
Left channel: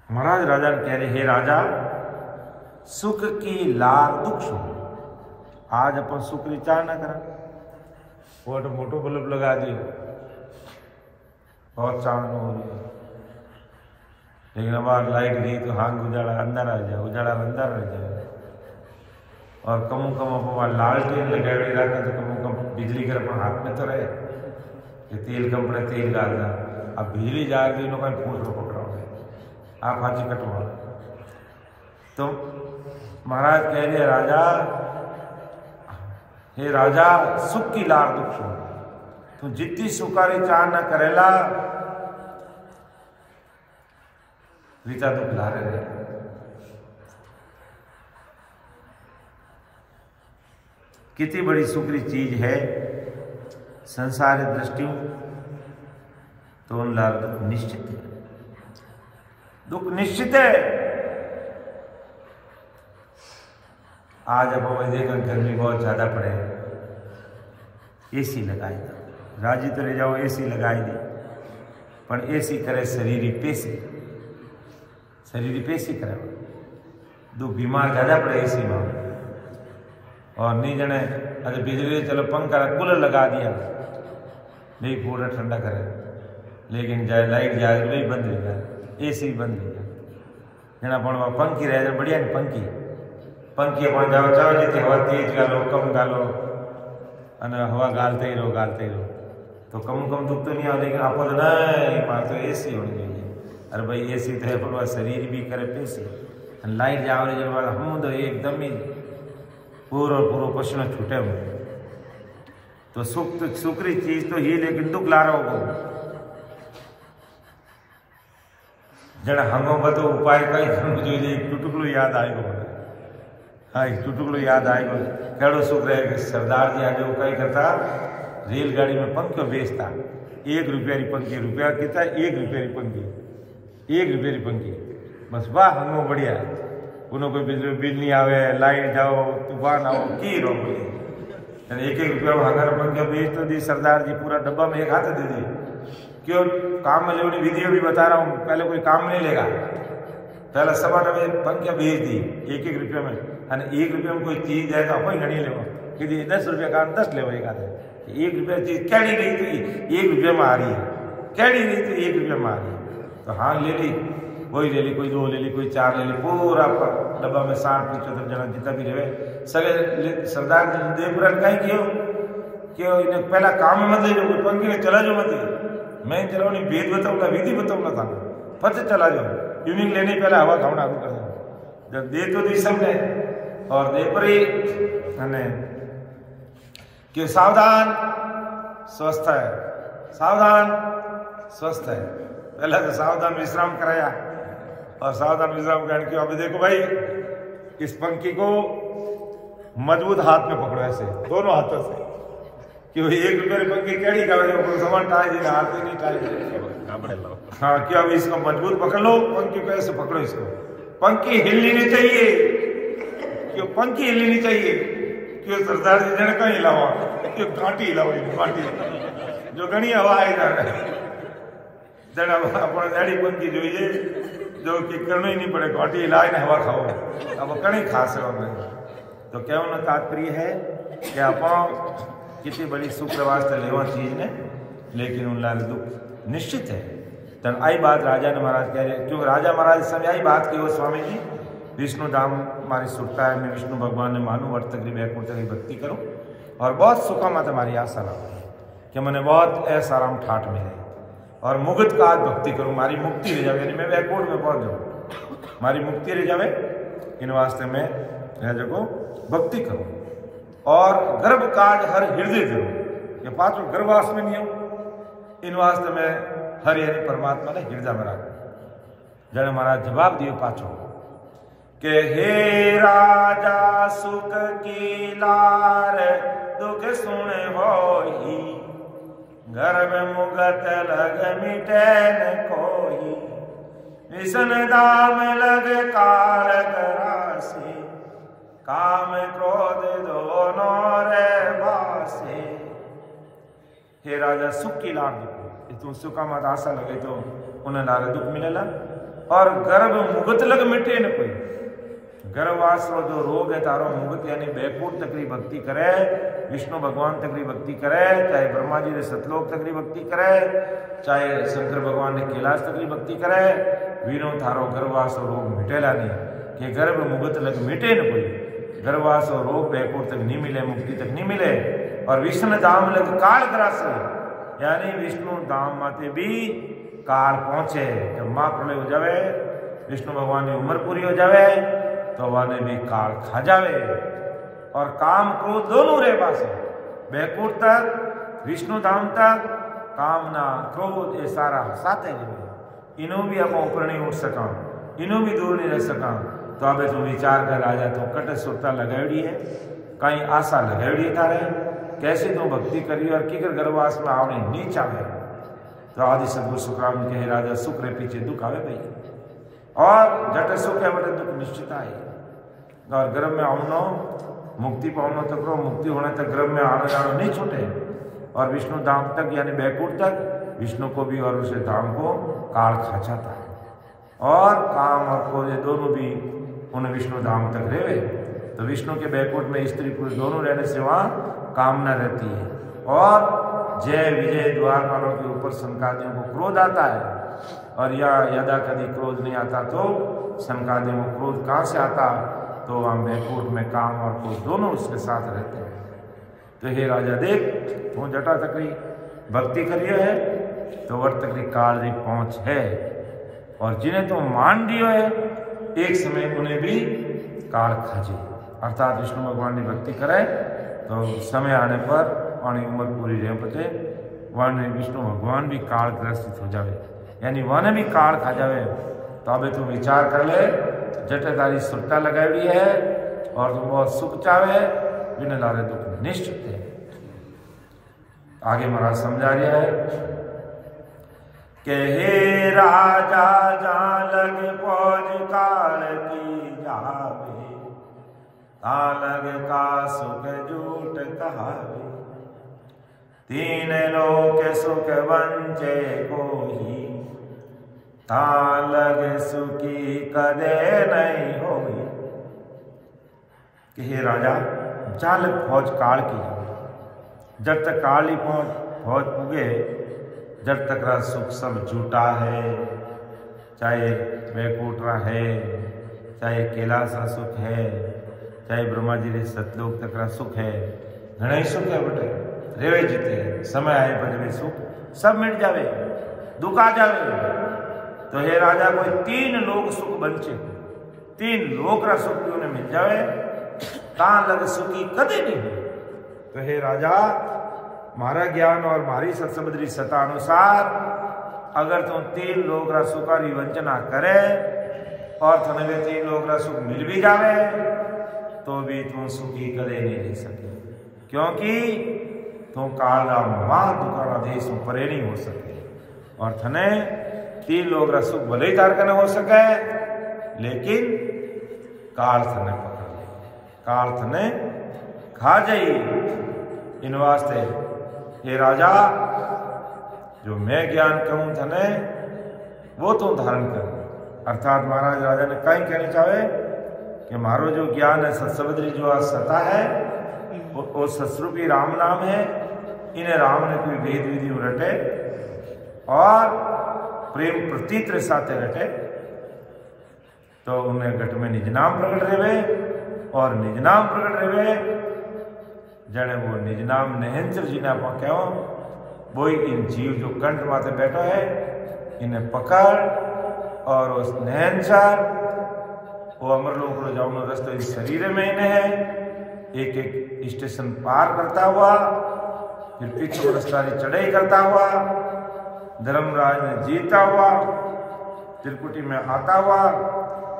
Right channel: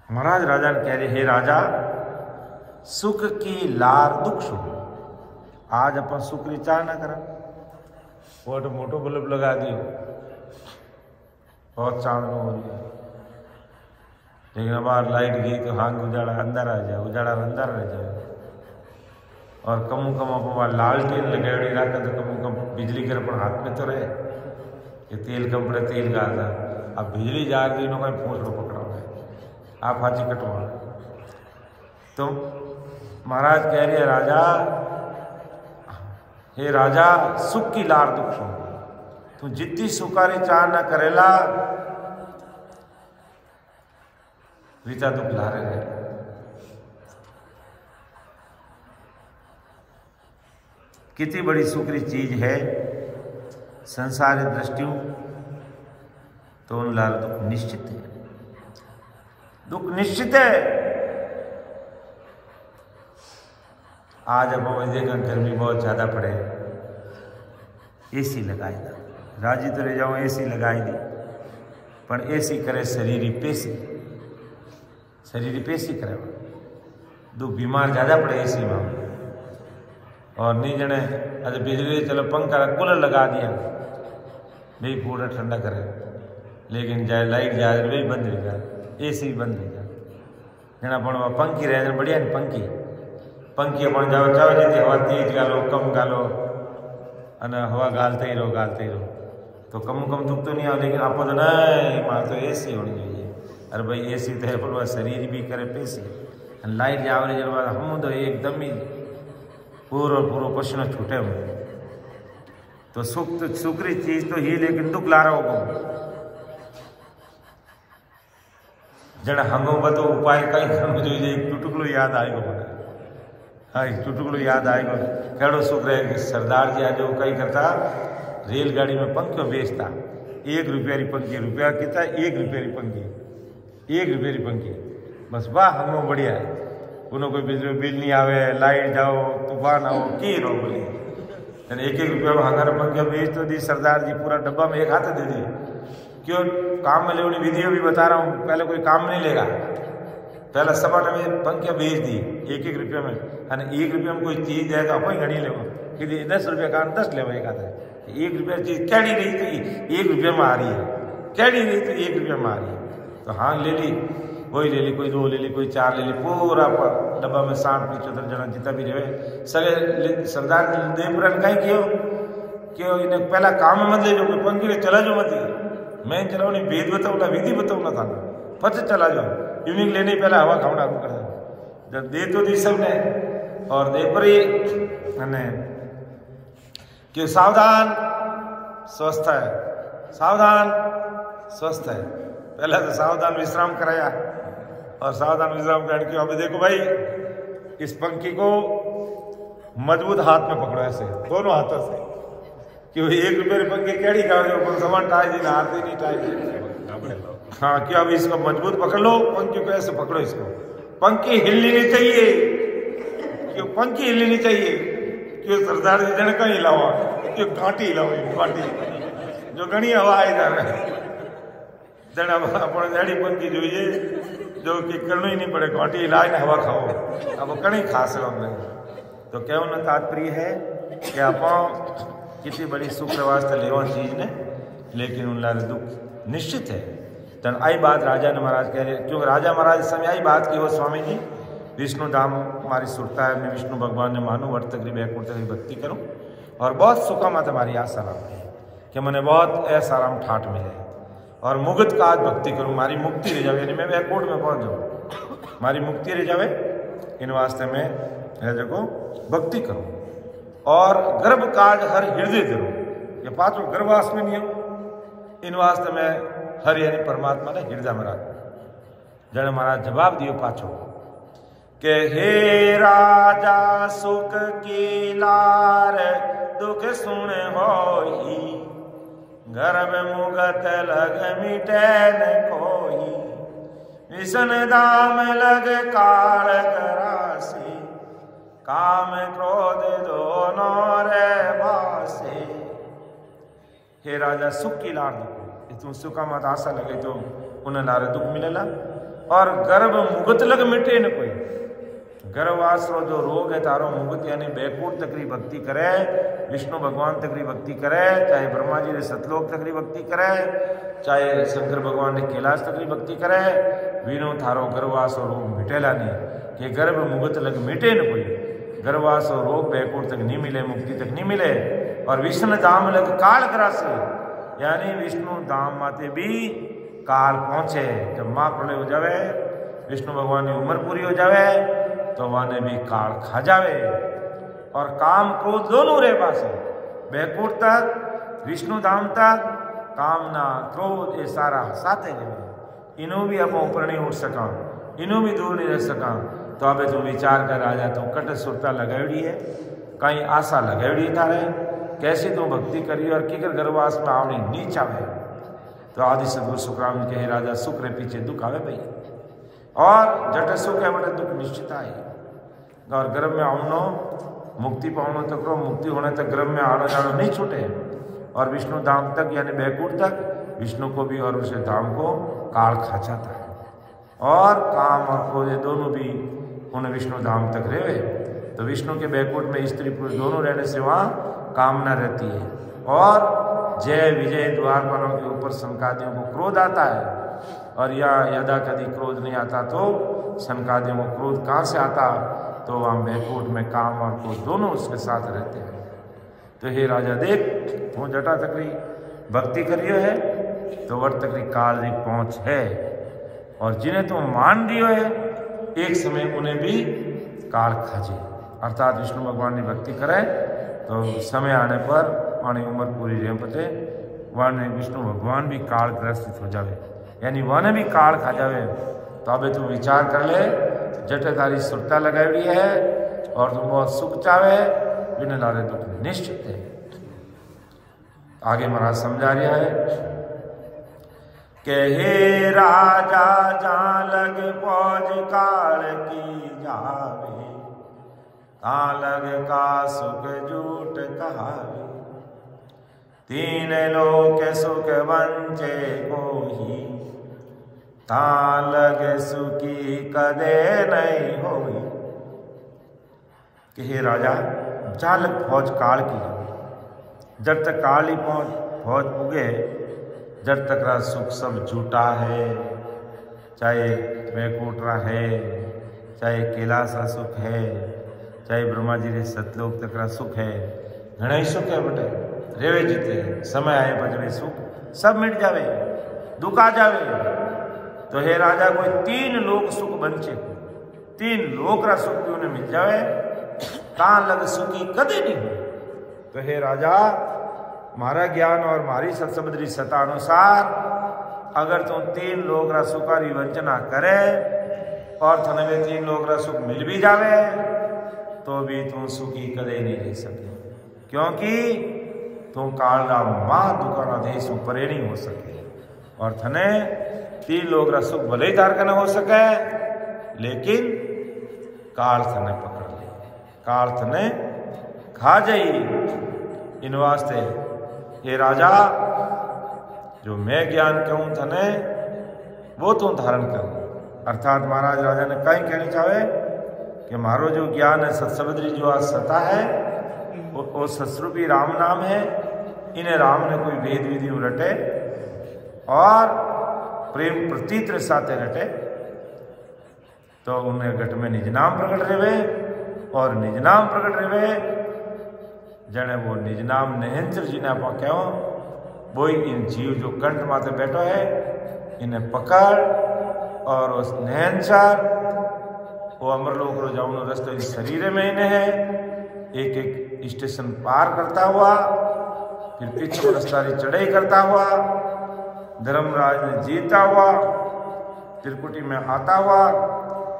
महाराज राजा ने कह रहे हे राजा, सुख की लार दुख सुनो। आज अपन सुख की चाह ना करा, वो मोटो बल्ब लगा दियो, बहुत चांद हो रही है, लेकिन अब लाइट गई तो हांग उजाड़ा अंदर आ जाए, उजाड़ा अंदर रह जाए। और कमू कम अपन लालटेन लगाड़ी रखा तो कमू कम बिजली कर अपन हाथ में तो रहे कि तेल कम पड़े तेल डालना। अब बिजली जा रही नो कहीं पूछ लो पकड़ाओ, आप हाजी कटवा। तो महाराज कह रहे राजा, हे राजा सुख की लार दुख सुन, तू जितनी सुखारी चाह न करेला विता दुख लारे रहे। कितनी बड़ी सुखरी चीज है संसारी दृष्टियों, तो उन लार दुख निश्चित है, दुख निश्चित है। आज अब हमें देखा गर्मी बहुत ज्यादा पड़े, एसी लगाई दा, राजी तो रह जाओ एसी लगाई दी, पर एसी करे शरीरी पेशी, शरीरी पेशी करे दुख बीमार ज्यादा पड़े एसी में। और नहीं जने अरे बिजली चलो पंखा कूलर लगा दिया नहीं पूरा ठंडा करे, लेकिन जाए लाइट जाए वही बंद रही गया, AC भी बंद रही गया जना पण पंखी रहे बढ़िया ने पंखी अपन जाओ चाहो जी हवा तेज गालो कम गालो अने हवा गालते ही रहो तो कम दुख तो नहीं आवे, लेकिन आप तो नहीं मार तो AC होनी चाहिए। अरे भाई AC तो है पर शरीर भी करे पेशी, लाइट जावे जब हम तो एकदम ही पूरो पसीनो छूटे हूँ। तो सुखरी चीज तो ही, लेकिन दुख ला रहा हो जड़ा हंगो तो उपाय कई करना चाहिए। चुटकुलो याद आएगो मैंने, हाँ चुटकुलो याद आएगो। कड़ो सुख रहे कि सरदार जी आज वो कई करता रेलगाड़ी में पंखियों बेचता, 1 रुपया री पंखी, रुपया कितना 1 रुपया री पंखी, 1 रुपया री पंखी, बस वाह हंगो बढ़िया है। उन्होंने कोई बिजली बिल नहीं आवे, लाइट जाओ तूफान आओ की रो बोली 1-1 रुपया में हंगार पंखियों बेच तो दी सरदार जी, पूरा डब्बा में एक हाथ दे दी। क्यों काम में लेने वीडियो भी बता रहा हूँ, पहले कोई काम नहीं लेगा, पहले सभा ने पंखियाँ बेच दी 1-1 रुपया में, 1 रुपया में कोई चीज है तो आप घड़ी ले कि 10 रुपया का 10 ले एक आते 1 रुपया चीज कैडी रही तो 1 रुपया में आ रही है, कैडी रही तो 1 रुपया में आ रही है। तो हाँ ले ली, वही ले ली, कोई 2 ले ली, कोई 4 ले ली, पूरा डब्बा में 60-75 जना जितना भी रहे सगे सरदार देवपुरन कहीं क्यों इन्हें पहला काम में मत ले जाओ, कोई पंखी ने चला जाओ मत, मैं चलाओ नहीं भेद बताऊला विधि बताऊला था पच चला जाओ, यूनिक लेने पहले हवा खावना शुरू कर दो। जब दे तो दी सबने और देवपुरी क्यों सावधान स्वस्थ है, सावधान स्वस्थ है। पहले तो सावधान विश्राम कराया और सावधान विश्राम करने क्यों अभी देखो भाई इस पंखी को मजबूत हाथ में पकड़ो ऐसे दोनों हाथों से, क्यों 1 रुपये की पंखी कैडी खाओ सामान टाई दी ना हाथ नहीं टाई। हाँ क्या अभी इसको मजबूत पकड़ लो, पंखी को ऐसे पकड़ो, इसको पंखी हिलनी नहीं चाहिए, क्यों पंखी हिलनी नहीं चाहिए, क्यों सरदार जी जन कहीं हिलावा, क्यों घाटी हिलाओ घाटी जो घनी हवा आई जा रहा है जड़ा अपन एड़ी पंखी जो ये जो कि करना ही नहीं पड़े, घाटी हिलाए ना हवा खाओ, अब कहीं खा सको नहीं। तो कहना तात्पर्य है कि आप कितनी बड़ी सुख वास्ते लेवा चीज ने, लेकिन उन लाल दुख निश्चित है। तन आई बात राजा ने महाराज कह रहे, क्योंकि राजा महाराज इस समय आई बात की हो स्वामी जी विष्णु धाम हमारी सुरता है, मैं विष्णु भगवान ने मानू वर्त तक बैकुंठ तक भक्ति करूँ और बहुत सुखा मत हमारी आशा ना हो कि मैंने बहुत ऐसा आराम ठाठ मिले और मुगत का आज भक्ति करूँ, हमारी मुक्ति रह जावे, यानी मैं बैकुंठ में पहुँच जाऊँ, हमारी मुक्ति रह जावे, इन वास्ते मैं जगह भक्ति करूँ और गर्भ काज हर हृदय करूँ, ये पाँचों गर्भवास में नहीं हूँ, इन वास्ते मैं हर यानी परमात्मा ने हृदय में रखूँ। जन महाराज जवाब दियो पाछो के हे राजा सुख की लार दुख सुन होई, गर्भ मुगत लग मिटैन कोई, विषन दाम लग काल करासे, काम क्रोध दोनों रे बासे। हे राजा सुख की लार दुख, तू सुखा मत आशा लगे तो उन्हें लारे दुख मिलेला, और गर्भ मुगत लग मिटे न कोई, गर्भवासरो जो रोग है तारो मुगत यानी बैकुंठ तकरी भक्ति करे, विष्णु भगवान तकरी भक्ति करे, चाहे ब्रह्मा जी ने सतलोक तकरी भक्ति करे, चाहे शंकर भगवान ने कैलाश तकरी भक्ति करे, वीनो थारो गर्भवासो रोग मिटेला नहीं, कि गर्भ मुगत लग मिटे न कोई, गर्भवासो रोग बैकुंठ तक नहीं मिले, मुक्ति तक नहीं मिले, और विष्णु धाम लग काल करासे, यानी विष्णु धाम माते भी काल पहुंचे, जब माँ प्रलय हो जावे, विष्णु भगवान की उम्र पूरी हो जावे तो वाने भी काल खा जावे, और काम क्रोध दोनों रे पास है, बैकुंठ तक विष्णु धाम तक कामना क्रोध ये सारा साथे रहे, इन्हों भी आप ऊपर नहीं उठ सका, इन्हों भी दूर नहीं रह सका, तो अब तू विचार कर राजा तू कट सुरता लगाड़ी है, कहीं आशा लगाड़ी तारे, कैसे तू भक्ति करी और किकर गर्भवास में आवनी नहीं चाहे। तो आदि सदगुरु सुखराम जी कहे राजा सुख रे पीछे दुख आवे भाई, और जट सुख है बड़े दुख निश्चित आए, और गर्भ में आवनो मुक्ति पावनो तक रो, मुक्ति होने तक गर्भ में आना जाना नहीं छूटे, और विष्णु धाम तक यानी बैकुंठ तक विष्णु को भी और उसे धाम को काल खा जाता है, और काम और क्रोध दोनों भी उन विष्णु धाम तक रहे, तो विष्णु के बैकुंठ में स्त्री पुरुष दोनों रहने से वहाँ कामना रहती है। और जय विजय द्वारपालों के ऊपर सनकादियों को क्रोध आता है, और या यदा कभी क्रोध नहीं आता तो सनकादियों को क्रोध कहाँ से आता, तो वहाँ बैकुंठ में काम और क्रोध दोनों उसके साथ रहते हैं। तो हे राजा देख, तू जटा तकरी भक्ति करियो है तो वर्त तकरी काल री पहुँच है, और जिन्हें तो मान दियो है एक समय उन्हें भी काल खाजे। अर्थात विष्णु भगवान की भक्ति करे तो समय आने पर वाणी उम्र पूरी रह पते वाने विष्णु भगवान भी काल ग्रसित हो जावे, यानी वाने भी काल खा जावे। तो अबे तू विचार कर ले, जटे तारी सुरता लगाई है और तुम बहुत सुख चावे, बिना लारे दुख निश्चित है। आगे महाराज समझा रहा है कि हे राजा जहाँ लग फौज काल की जावे, लग का सुख झूठ कहावे, तीन लोक सुख वंचे कोई, लग सुखी कदे नहीं होई। कि हे राजा जहाँ लग फौज काल की जावे, जब तक काल ही फौज उगे जब तक रा सुख सब झूठा है, चाहे वैकुंठरा है, चाहे कैलाश रा सुख है, चाहे ब्रह्मा जी रे सतलोक तक रा सुख है, घना ही सुख है बटे रेवे जीते, समय आए पर जब सुख सब मिट जावे, दुख आ जावे। तो हे राजा कोई तीन लोक सुख बंचे, तीन लोक रा सुख भी उन्हें मिल जावे, ता लग सुखी कदे नहीं हो। तो हे राजा मारा ज्ञान और मारी सत्सबद्री सता अनुसार अगर तुम तीन लोक रा सुखारी वंचना करे और थने वे तीन लोक रा सुख मिल भी जावे तो भी तुम सुखी कदे नहीं रह सके, क्योंकि तुम काल रा मां दुकारा देश परे नहीं हो सके। और थने तीन लोक रा सुख भले ही तार हो सके, लेकिन काल थने पकड़ ले, काल थने खा जाई। इन वास्ते ये राजा जो मैं ज्ञान कहूं थने वो तू धारण कर। अर्थात महाराज राजा ने कहीं कहनी चाहे कि मारो जो ज्ञान है सत्सबद्री जो आज सता है वो सतरूपी राम नाम है, इन्हें राम ने कोई वेद विधि रटे और प्रेम प्रतीत साथे रटे, तो उन्हें घट में निज नाम प्रकट रहे और निज नाम प्रकट रहे जने वो निज नाम नहेंचर जी ने आप कहो वो इन जीव जो कंठ माथे बैठो है इन्हें पकड़ और उस नहेंचर वो अमरलोक रो जाऊनो रस्तो इस शरीर में इन्हें है, एक एक स्टेशन पार करता हुआ फिर पीछे रस्तारी चढ़ाई करता हुआ धर्मराज ने जीता हुआ त्रिकुटी में आता हुआ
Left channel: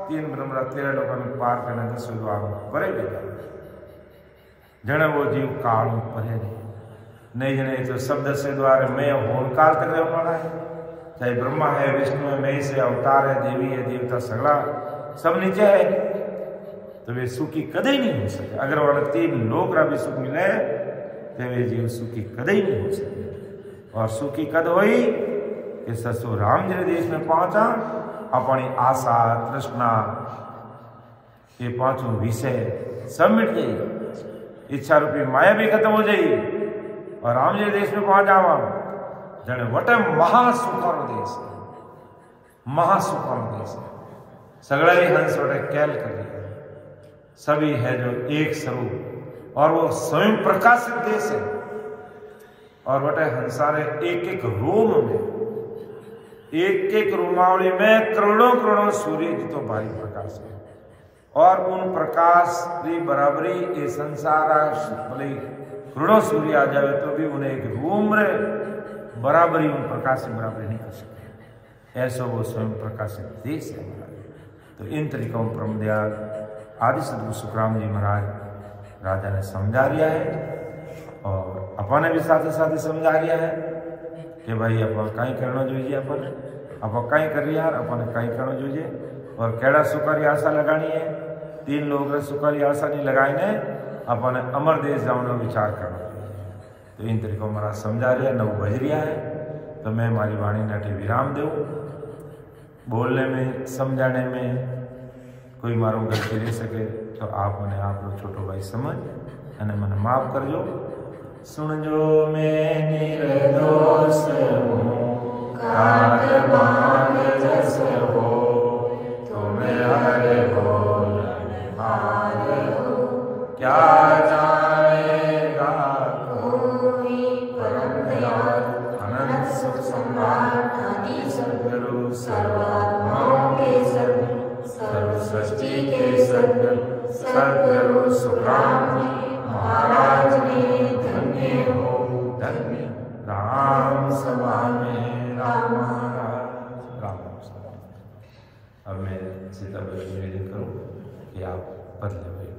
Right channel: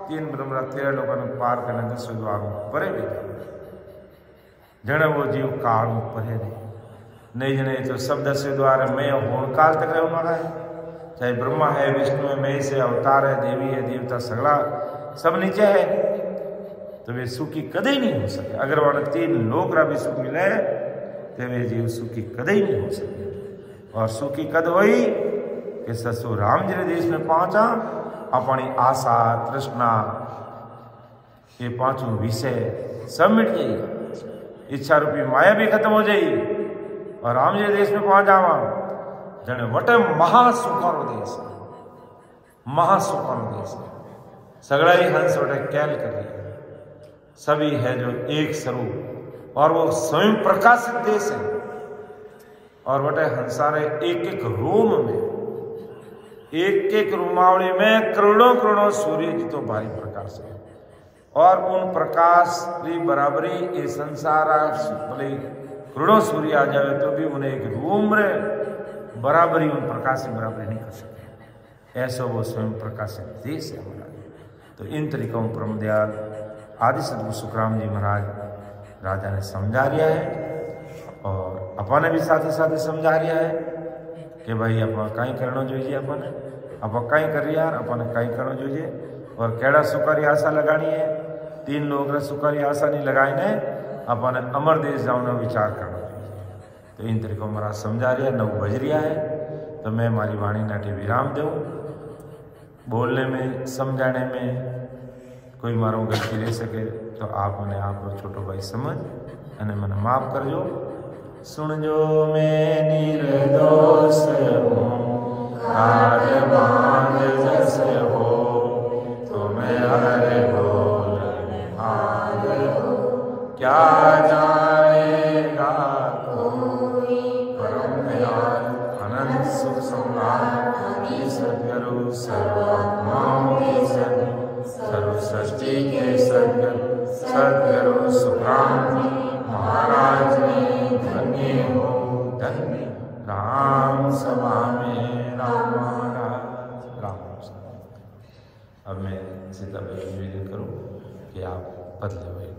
तीन ब्रह्मराज 13 लोगों ने पार करने का सुद्वार परे भी जने वो जीव काल परे नहीं जने तो शब्द से द्वारा मैं होन काल तक रहने वाला है, चाहे ब्रह्मा है विष्णु है महेश है अवतार है देवी है देवता सगड़ा सब नीचे है, तो वे सुखी कदे ही नहीं हो सके। अगर वाले तीन लोक रा भी सुख मिले तो वे जीव सुखी कदे ही नहीं हो सके। और सुखी कद हुई कि ससुर राम जी देश में पहुंचा, अपनी आशा तृष्णा ये पांचों विषय सब मिट गई, इच्छा रूपी माया भी खत्म हो जाई और राम जी देश में पहुंच जावा जने वटे महासुखारो देश, महासुखारो देश सगड़ा ही हंस वटे कैल कर लिया, सभी है जो एक स्वरूप और वो स्वयं प्रकाशित देश है और वटे हंसारे एक एक रोम में एक एक रोमावली में करोड़ों करोड़ों सूर्य जी तो भारी प्रकाश है और उन प्रकाश की बराबरी ये संसार भले करोड़ों सूर्य आ जाए तो भी उन्हें एक रूम रे बराबरी उन प्रकाश की बराबरी नहीं कर सके, ऐसा वो स्वयं प्रकाशित देश है हमारा। तो इन तरीकों परम दयाल आदि सदगुरु सुखराम जी महाराज राजा ने समझा दिया है और अपने भी साथ साथ समझा दिया है कि भाई आप कहीं करना જોઈએ, अपने आप कहीं कर रही यार अपने कहीं करना જોઈએ और केड़ा सुखारी आशा लगानी है, तीन लोग सुखारी आशा नहीं लगाई ने अपने अमर देश जाने विचार करना चाहिए। तो इन तरीकों महाराज समझा रहा है, 9 बज रहा है, तो मैं हमारी वाणी नाटे विराम दूँ। बोलने में समझाने में कोई मारो गलती रह सके तो आप मने आपरो छोटो भाई समझ अने मने माफ करजो। सुनजो मैं निर्दोष हूँ, काट मान जस हो, तुम्हें हर बोल हाल हो। क्या जानेगा कोई परम दयाल अनंत सुख सम्राट सद्गुरु सर्वात्माओं के सद्गुरु सर्व सृष्टि के सद्गुरु सुखराम महाराज ने धन्य हो धन्य। राम सभा में राम महाराज राम। अब मैं सीता निवेदन करूं कि आप पद ले।